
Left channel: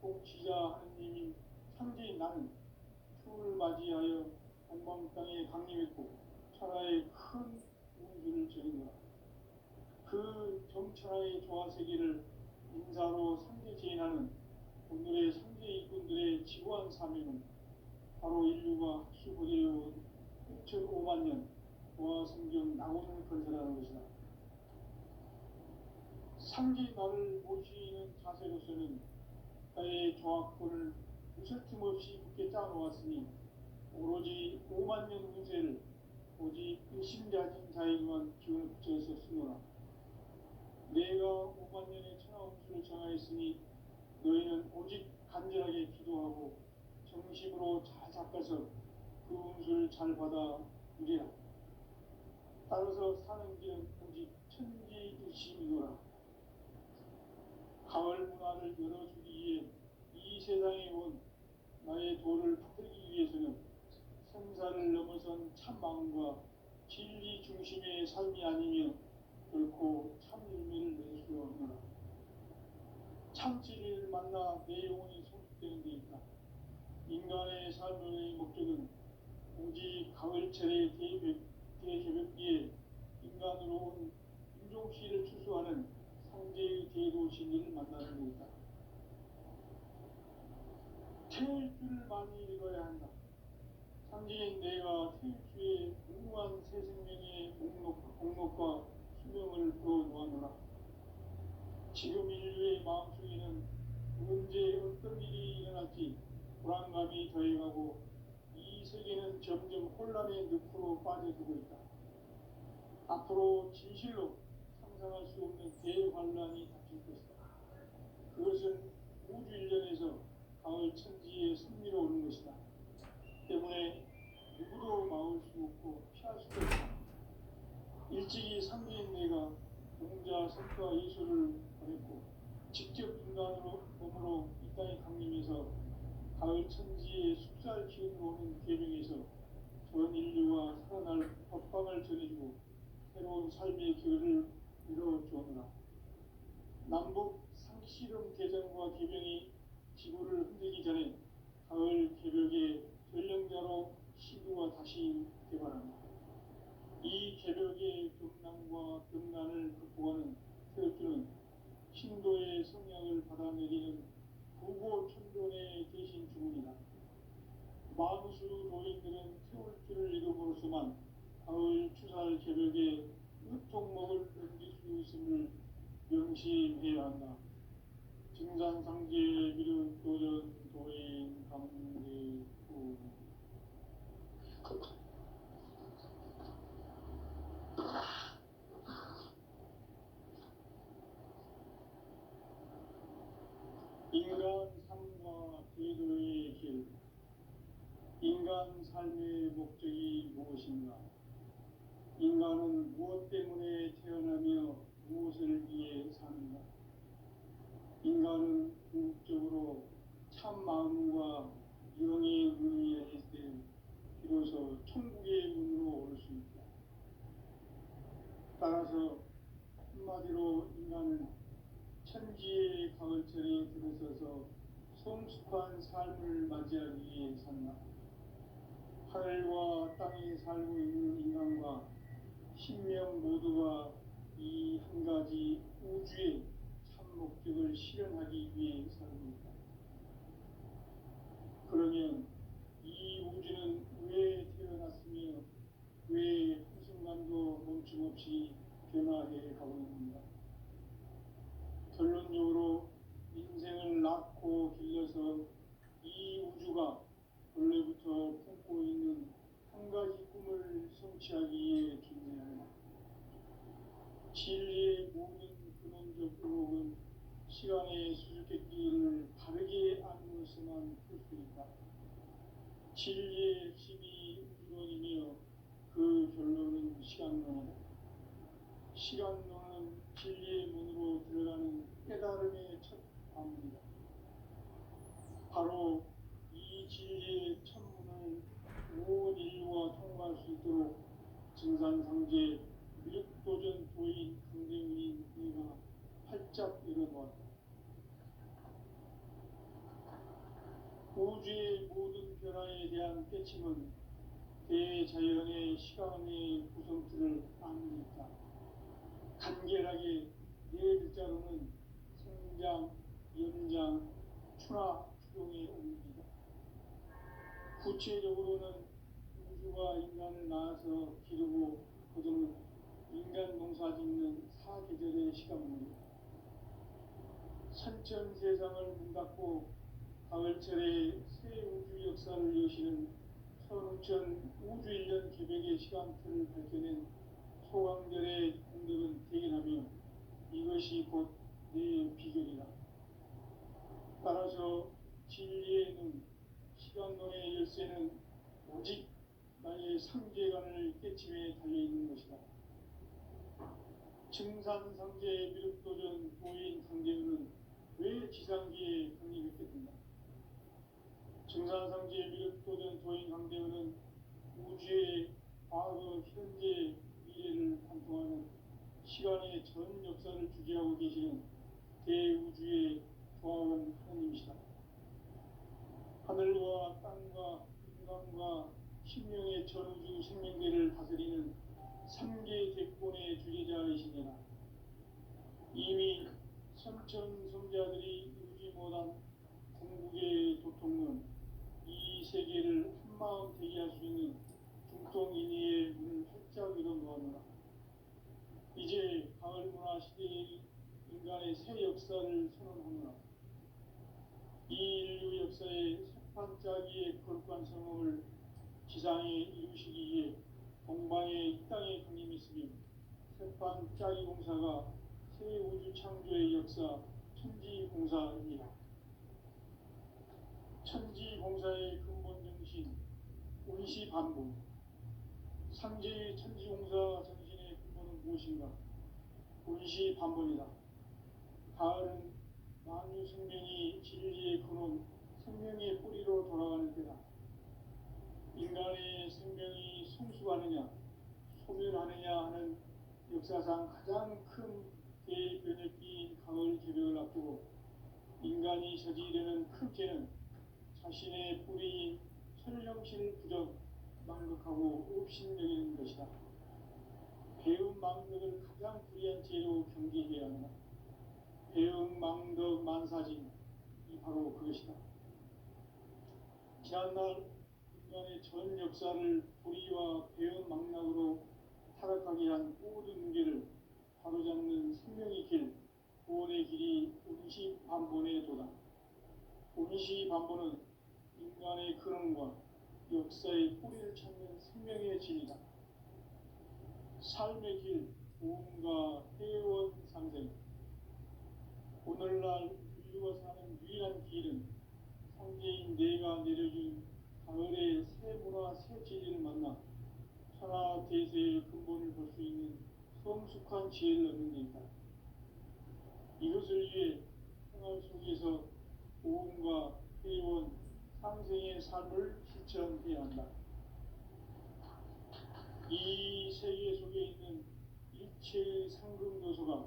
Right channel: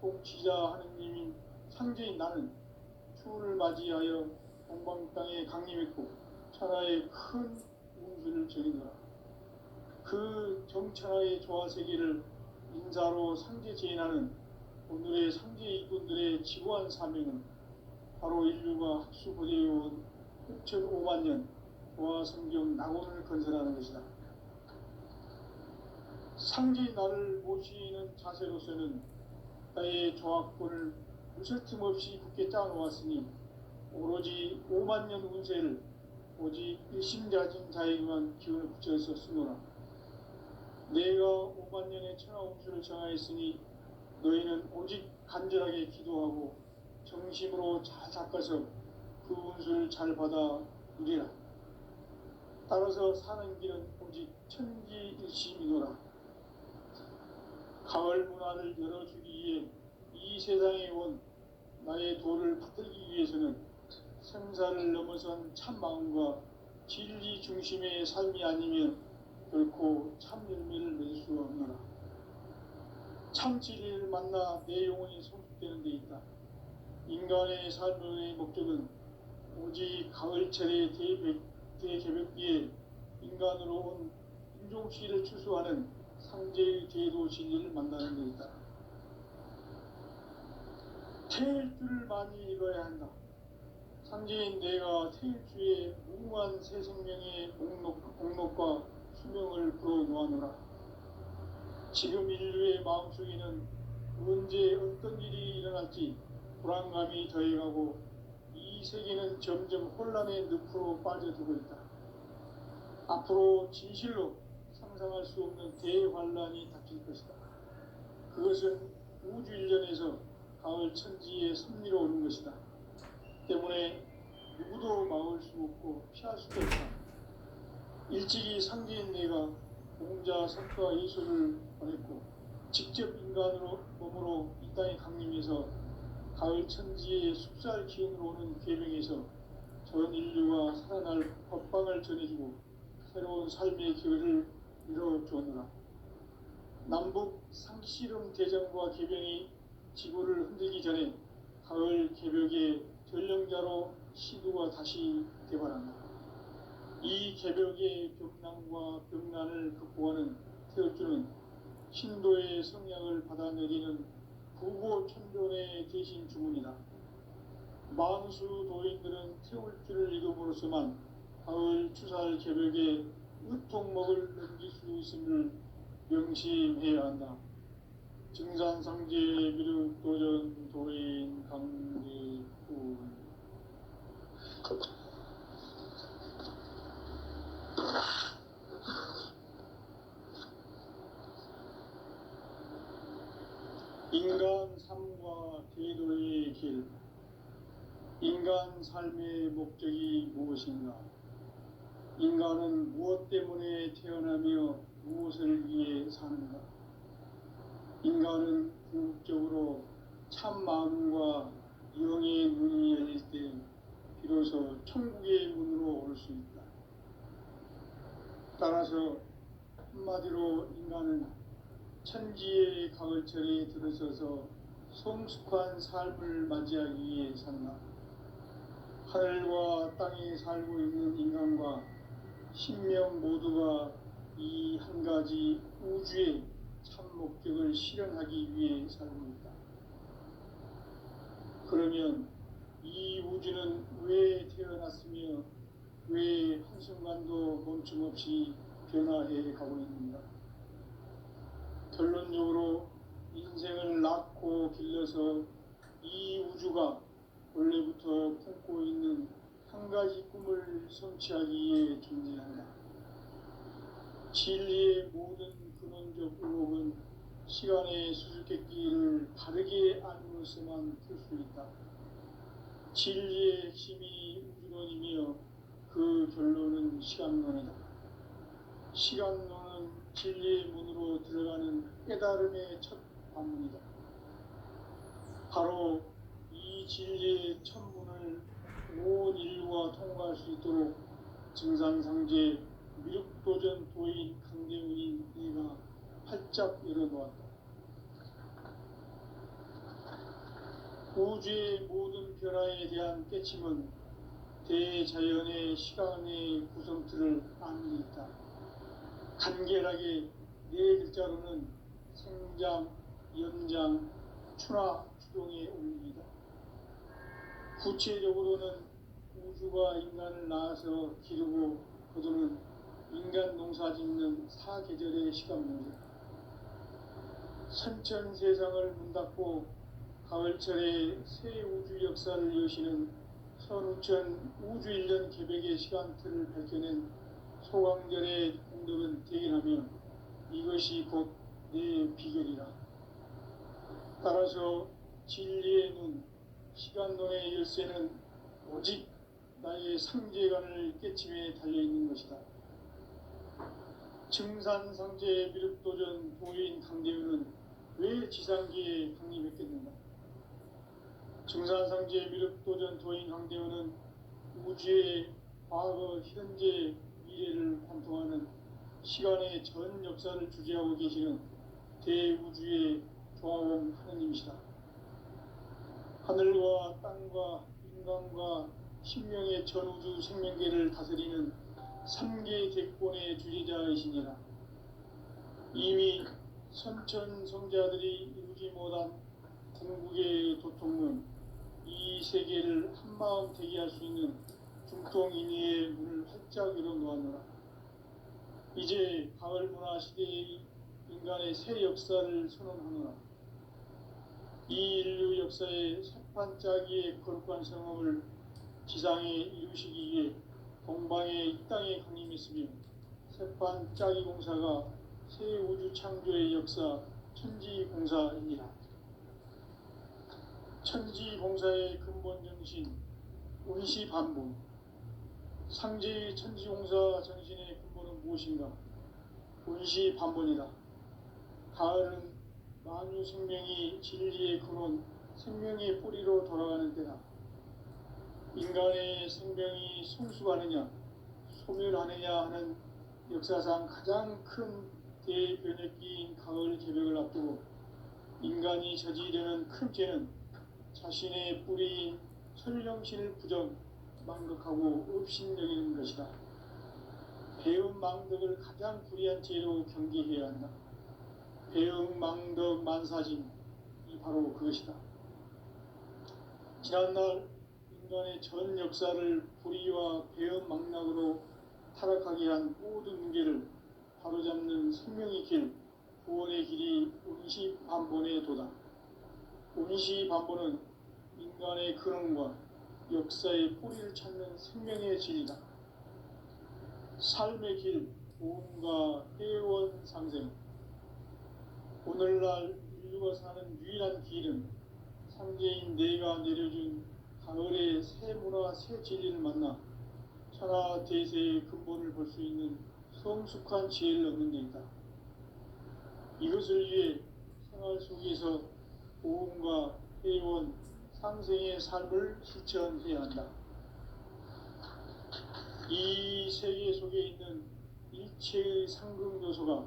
통치자 하느님인 상제인 나는 추운을 맞이하여 동방 땅에 강림했고 천하의 큰 운수를 적이노라. 그 정천하의 조화세계를 인사로 상제 제인하는 오늘의 상제 일꾼들의 지고한 사명은 바로 인류가 학수고대해온 6,500년 조화성경 낙원을 건설하는 것이다. 상제 나를 모시는 자세로서는 나의 조합권을 무슨 틈 없이 굳게 짜놓았으니 오로지 5만년 운세를 오직 일심자진 자에게만 기운을 붙여서 쓰노라. 내가 5만 년의 천하홍수를 정하였으니 너희는 오직 간절하게 기도하고 정심으로 잘 닦아서 그 운수를 잘 받아 누리라. 따라서 사는 길은 오직 천지일심이노라. 가을 문화를 열어주기 위해 이 세상에 온 나의 도를 받들기 위해서는 생사를 넘어선 참 마음과 진리 중심의 삶이 아니면 결코 참 열매를 맺을 수가 없노라. 참 진리를 만나 내 영혼이 성숙되는 데 있다. 인간의 삶의 목적은 오직 가을철의 대개벽비에 인간으로 온 인종시를 추수하는 상제의 대도 진리를 만나는 데 있다. 태일주를 많이 읽어야 한다. 상제인 내가 태일주의 무궁한 새 생명의 목록과 수명을 풀어놓아노라. 지금 인류의 마음속에는 언제 어떤 일이 일어날지 불안감이 더해가고 이 세계는 점점 혼란의 늪으로 빠져들고 있다. 앞으로 진실로 상상할 수 없는 대환란이 닥칠 것이다. 그것은 우주 일련에서 가을 천지의 섭리로 오는 것이다. 때문에 누구도 막을 수 없고 피할 수도 없다. 일찍이 상제인 내가 공자 성과 이소를 보냈고 직접 인간으로 몸으로 이 땅에 강림해서 가을 천지의 숲살 기운으로 오는 계명에서 전 인류가 살아날 법방을 전해주고 새로운 삶의 기회를 이뤄주었노라. 남북 상씨름 대전과 계병이 지구를 흔들기 전에 가을 개벽의 전령자로 시두가 다시 개발한다. 이 개벽의 벽난과 벽난을 극복하는 태엽주는 신도의 성향을 받아내리는 부고천존의 대신 주문이다. 만수 도인들은 태울주를 읽음으로써만 가을 추살 개벽의 으통목을 넘길 수 있음을 명심해야 한다. 증산상제 미륵 도전 도인 강제훈. 인간 삶과 대도의 길. 인간 삶의 목적이 무엇인가? 인간은 무엇 때문에 태어나며 무엇을 위해 사는가? 인간은 궁극적으로 참 마음과 영의 문이 열릴 때 비로소 천국의 문으로 오를 수 있다. 따라서 한마디로 인간은 천지의 가을철에 들어서서 성숙한 삶을 맞이하기 위해 산다. 하늘과 땅에 살고 있는 인간과 신명 모두가 이 한 가지 우주의 참 목적을 실현하기 위해 살고 있다. 그러면 이 우주는 왜 태어났으며 왜 한순간도 멈춤없이 변화해 가고 있는가? 결론적으로 인생을 낳고 길러서 이 우주가 원래부터 품고 있는 한 가지 꿈을 성취하기 위해 존재한다. 진리의 모든 근원적 의혹은 시간의 수수께끼를 바르게 알므로서만 풀 수 있다. 진리의 핵심이 우주론이며 그 결론은 시간론이다. 시간론은 진리의 문으로 들어가는 깨달음의 첫 관문이다. 바로 이 진리의 천문을 온 인류가 통과할 수 있도록 증산상제 미륵도전 도인 강대훈인 내가 활짝 열어놓았다. 우주의 모든 변화에 대한 깨침은 대자연의 시간의 구성틀을 아는 데 있다. 간결하게 네 글자로는 생장, 연장, 추나, 추동의 옮기기다. 구체적으로는 우주가 인간을 낳아서 기르고 거두는 인간 농사 짓는 사계절의 시간입니다. 선천 세상을 문 닫고 가을철에 새 우주 역사를 여시는 선우천 우주 일년 개벽의 시간틀을 밝혀낸 소강절의 공덕은 대견하며 이것이 곧 내 비결이라. 따라서 진리의 눈, 시간론의 열쇠는 오직 나의 상제관을 깨침에 달려있는 것이다. 증산상제 미륵도전 도인 강대우는 왜 지상기에 강림했겠는가? 증산상제 미륵도전 도인 강대우는 우주의 과거, 현재, 미래를 관통하는 시간의 전 역사를 주재하고 계시는 대우주의 조화원 하느님이시다. 하늘과 땅과 인간과 신명의 전우주 생명계를 다스리는 3개 대권의 주제자이시니라. 이미 선천성자들이 이루지 못한 궁극의 도통은 이 세계를 한마음 되게 할 수 있는 중통인의의 문을 활짝 열어놓았노라. 이제 가을 문화 시대의 인간의 새 역사를 선언하노라. 이 인류 역사의 새판짜기의 거룩한 성험을 지상에 이루시기 위해 동방의 이 땅에 강림했으며 새판짜기 공사가 새 우주 창조의 역사 천지공사이니라. 천지공사의 근본 정신 운시반본. 상제의 천지공사 정신의 근본은 무엇인가? 운시반본이다. 가을은 만유 생명이 진리의 근원, 생명의 뿌리로 돌아가는 때다. 인간의 생명이 성숙하느냐, 소멸하느냐 하는 역사상 가장 큰 대변혁기인 가을 개벽을 앞두고 인간이 저지르는 큰 죄는 자신의 뿌리인 천령신을 부정, 망덕하고 업신여기는 것이다. 배움 망덕을 가장 불의한 죄로 경계해야 한다. 배움 망덕 만사짐이 바로 그것이다. 지난날 인간의 전 역사를 불의와 배움 망락으로 타락하게 한 모든 문제를 바로잡는 생명의 길, 구원의 길이 운시반본의 도다. 운시반본은 인간의 근원과 역사의 뿌리를 찾는 생명의 진이다. 삶의 길, 보험과 회원 상생. 오늘날 인류가 사는 유일한 길은 상제인 내가 내려준 가을의 새 문화, 새 진리를 만나 천하 대세의 근본을 볼 수 있는 성숙한 지혜를 얻는 데 있다. 이것을 위해 생활 속에서 보험과 회원, 상생의 삶을 실천해야 한다. 이 세계 속에 있는 일체의 상금 요소가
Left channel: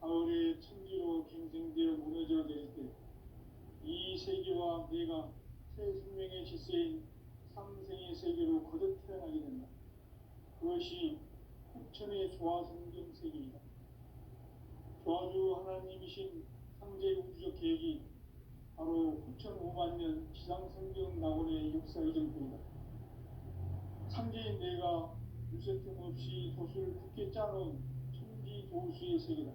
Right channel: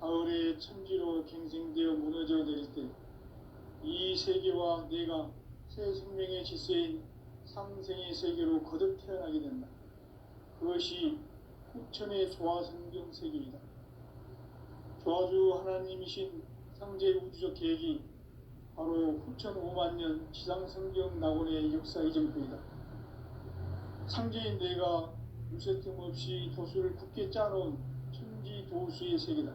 가을의 천지로 갱생되어 무너져 내릴 때 이 세계와 내가 새 생명의 질서인 상생의 세계로 거듭 태어나게 된다. 그것이 후천의 조화성경 세계이다. 조화주 하나님이신 상제 우주적 계획이 바로 후천 5만 년 지상성경 낙원의 역사 이전표이다. 상제인 내가 무쇠틈 없이 도수를 굳게 짜놓은 천지도수의 세계다.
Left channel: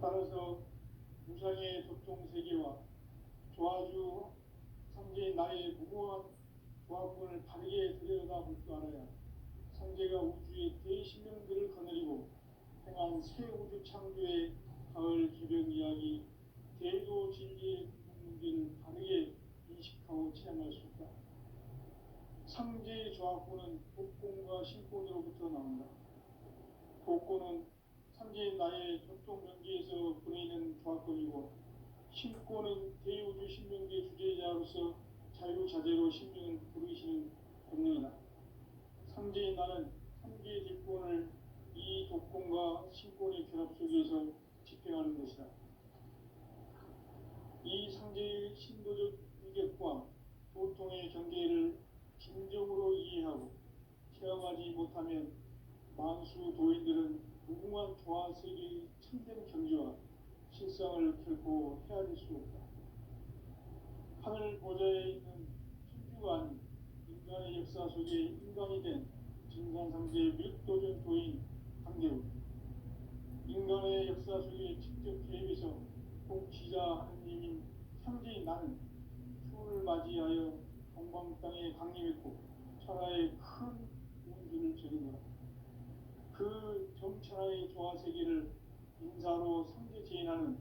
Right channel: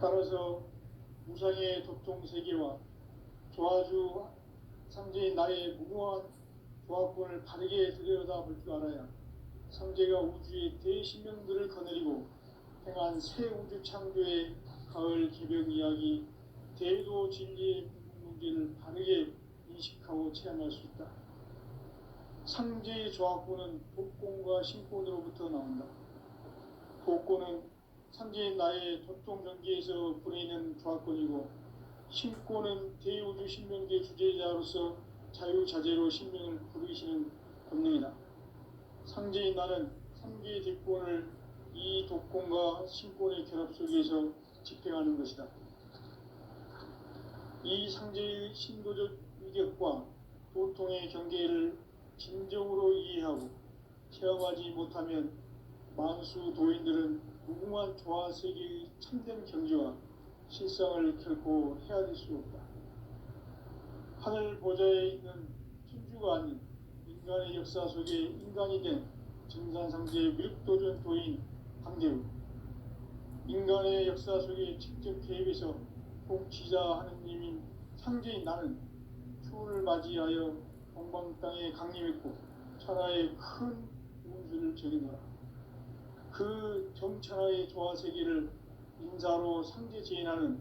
따라서 무상의 도통 세계와 조화주 상제인 나의 무궁한 조합권을 바르게 들여다볼 줄 알아야 상제가 우주의 대신명들을 거느리고 행한 새 우주 창조의 가을 개벽 이야기, 대도 진리의 문제를 바르게 인식하고 체험할 수 있다. 상제의 조합권은 복권과 신권으로부터 나온다. 복권은 상제인 나의 도통 경계에서 부리는 조합권이고, 신권은 대우주 신명계 주제자로서 자유자재로 신명을 부르시는 권능이다. 상제인 나는 3개의 뒷권을 이 독권과 신권의 결합 속에서 집행하는 것이다. 이 상제의 신도적 위력과 도통의 경계를 진정으로 이해하고 체험하지 못하면 만수 도인들은 무궁한 조화세계의 참된 경지와 실상을 결코 헤아릴 수 없다. 하늘 보좌에 있는 천주가 아닌 인간의 역사 속에 인간이 된 증산상제 미륵도전 도인 강대우. 인간의 역사 속에 직접 개입해서 통치자 하느님인 상제인 나는 추운을 맞이하여 동방 땅에 강림했고 천하의 큰 운수를 적이노라. 그 정천하의 조화세계를 인사로 상제 제인하는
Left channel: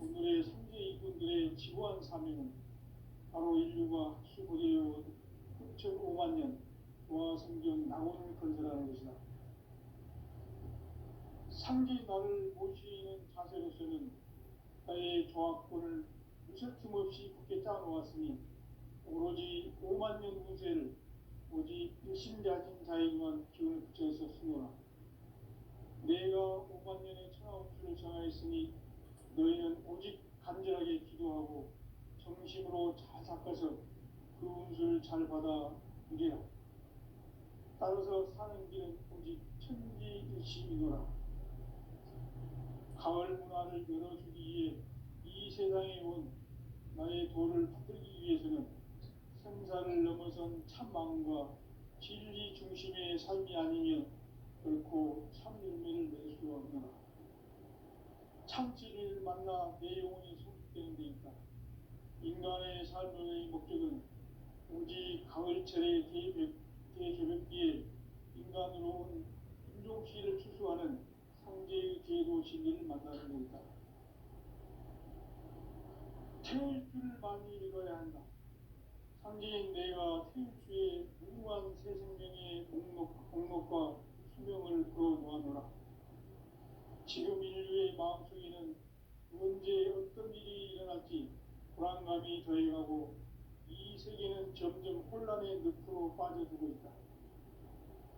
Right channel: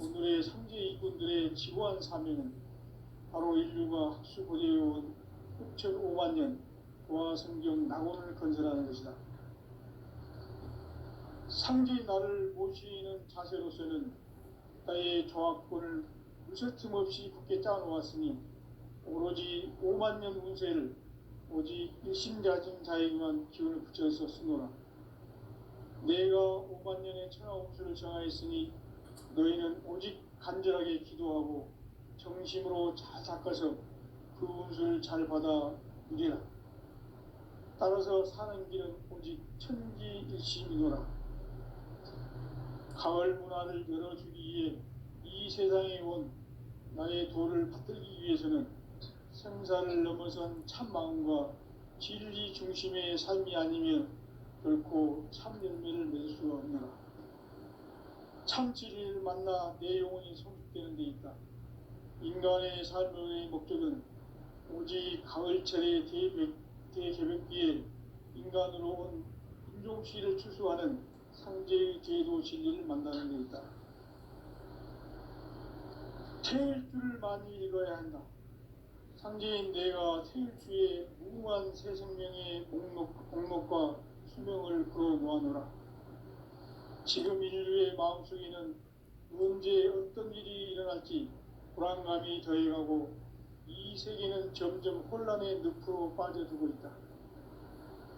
오늘의 상제 일꾼들의 지고한 사명은 바로 인류가 학수 고대해온 6,500만 년 도화 성경 낙원을 건설하는 것이다. 상제 나를 모시는 자세로서는 나의 조합권을 무설틈 없이 굳게 짜놓았으니 오로지 5만 년 운세를 오직 일심자진 자에게만 기운을 붙여서 쓰노라. 내가 5만 년의 천하운수를 정하였으니 너희는 오직 간절하게 기도하고 정심으로 잘 닦아서 그 운수를 잘 받아 누리라. 따라서 사는 길은 오직 천지일심이노라. 가을 문화를 열어주기 위해 이 세상에 온 나의 도를 받들기 위해서는 생사를 넘어선 참 마음과 진리 중심의 삶이 아니면 결코 참 열매를 맺을 수가 없노라. 참 진리를 만나 내 영혼이 성숙되는 데 있다. 인간의 삶의 목적은 오직 가을철의 대개벽기에 인간으로 온 인종씨를 추수하는 상제의 제도 진리를 만나는 데 있다. 태일 줄을 많이 읽어야 한다. 상제인 내가 태일주의 무궁한 새 생명의 목록과 수명을 걸어 놓아노라. 지금 인류의 마음속에는 언제 어떤 일이 일어날지 불안감이 더해가고 이 세계는 점점 혼란의 늪으로 빠져들고 있다.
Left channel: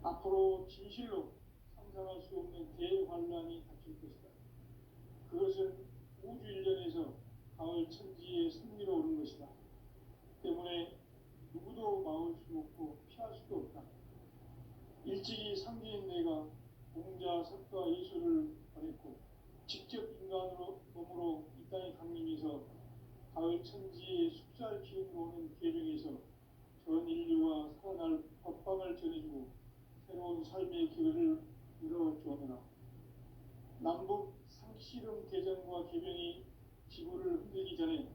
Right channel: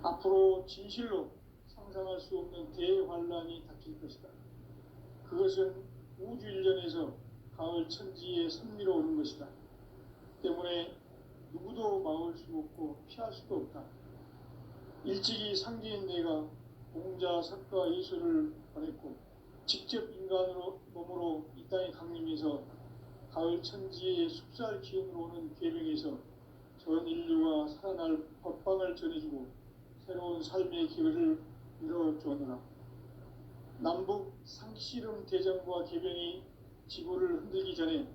앞으로 진실로 상상할 수 없는 대환란이 닥칠 것이다. 그것은 우주 일련에서 가을 천지의 섭리로 오는 것이다. 때문에 누구도 막을 수 없고 피할 수도 없다. 일찍이 상제인 내가 공자, 석가, 이수를 보냈고 직접 인간으로 몸으로 이 땅에 강림해서 가을 천지의 숲살 기운으로 오는 계명에서 전 인류가 살아날 법방을 전해주고 새로운 삶의 기회를 이뤄주었노라. 남북 상씨름 대전과 계병이 지구를 흔들기 전에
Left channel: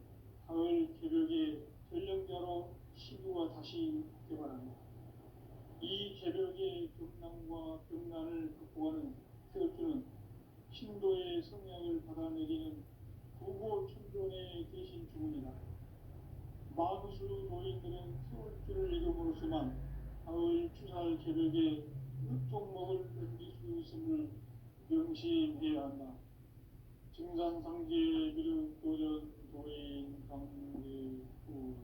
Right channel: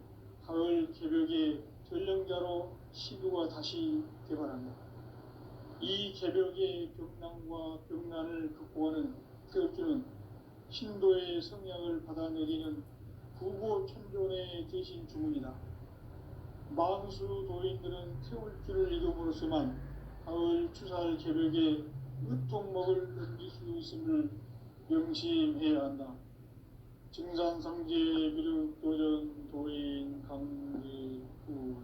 가을 개벽의 전령자로 시부가 다시 개발한다. 이 개벽의 벽난과 벽난을 극복하는 태울주는 신도의 성향을 받아내리는 구고천존의 대신 주문이다. 만수 도인들은 태울주를 읽음으로써만 가을 추살 개벽에 으통목을 넘길 수 있음을 명심해야 한다. 증산상제 비륵 도전 도인 강제구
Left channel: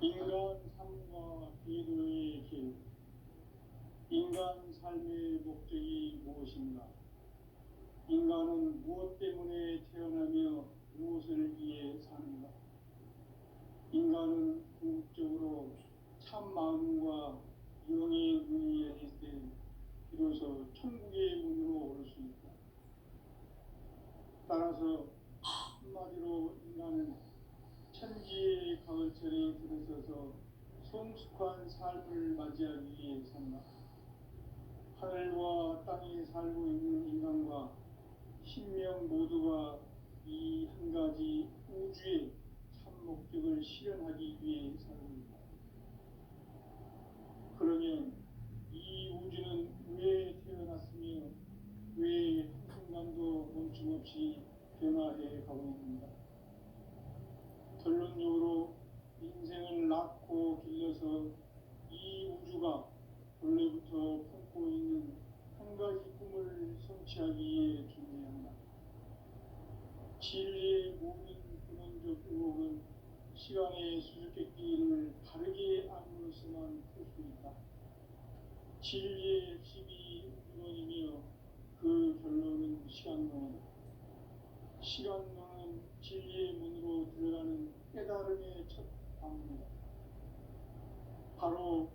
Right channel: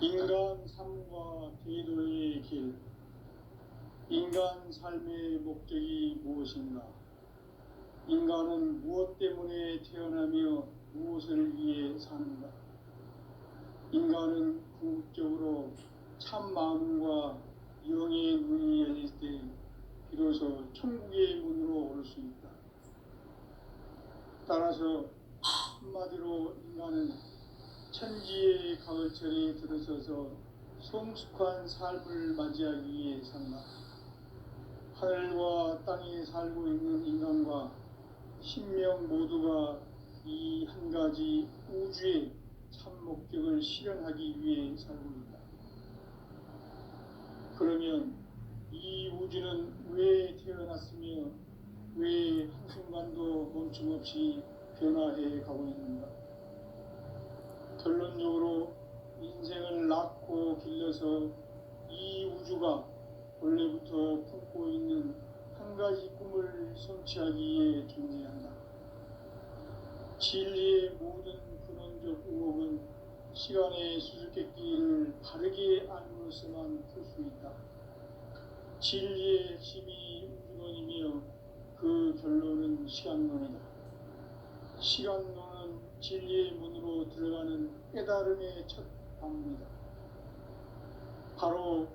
인간 삶과 제도의 길. 인간 삶의 목적이 무엇인가? 인간은 무엇 때문에 태어나며 무엇을 위해 사는가? 인간은 궁극적으로 참 마음과 영의 문이 열릴 때 비로소 천국의 문으로 오를 수 있다. 따라서 한마디로 인간은 천지의 가을철에 들어서서 성숙한 삶을 맞이하기 위해 산다. 하늘과 땅에 살고 있는 인간과 신명 모두가 이 한 가지 우주의 참 목적을 실현하기 위해 살고 있다. 그러면 이 우주는 왜 태어났으며 왜 한순간도 멈춤없이 변화해 가고 있는가? 결론적으로 인생을 낳고 길러서 이 우주가 원래부터 품고 있는 한 가지 꿈을 성취하기 위해 존재한다. 진리의 모든 근원적 의혹은 시간의 수수께끼를 바르게 알므로서만 풀 수 있다. 진리의 핵심이 우주론이며 그 결론은 시간론이다. 시간론은 진리의 문으로 들어가는 깨달음의 첫 방문이다. 바로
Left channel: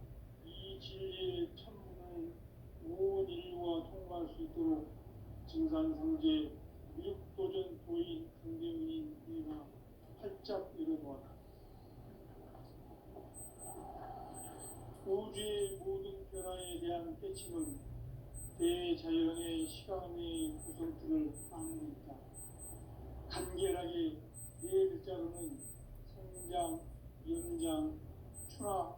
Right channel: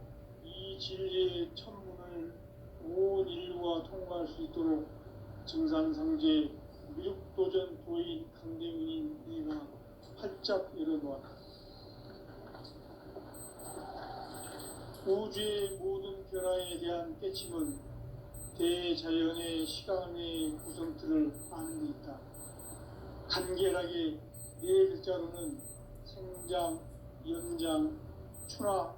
이 진리의 천문을 온 인류가 통과할 수 있도록 증산상제 미륵도전 도인 강대문인 내가 활짝 열어놓았다. 우주의 모든 변화에 대한 깨침은 대자연의 시간의 구성틀을 아는 데 있다. 간결하게 네 글자로는 생자 장장, 연장, 추나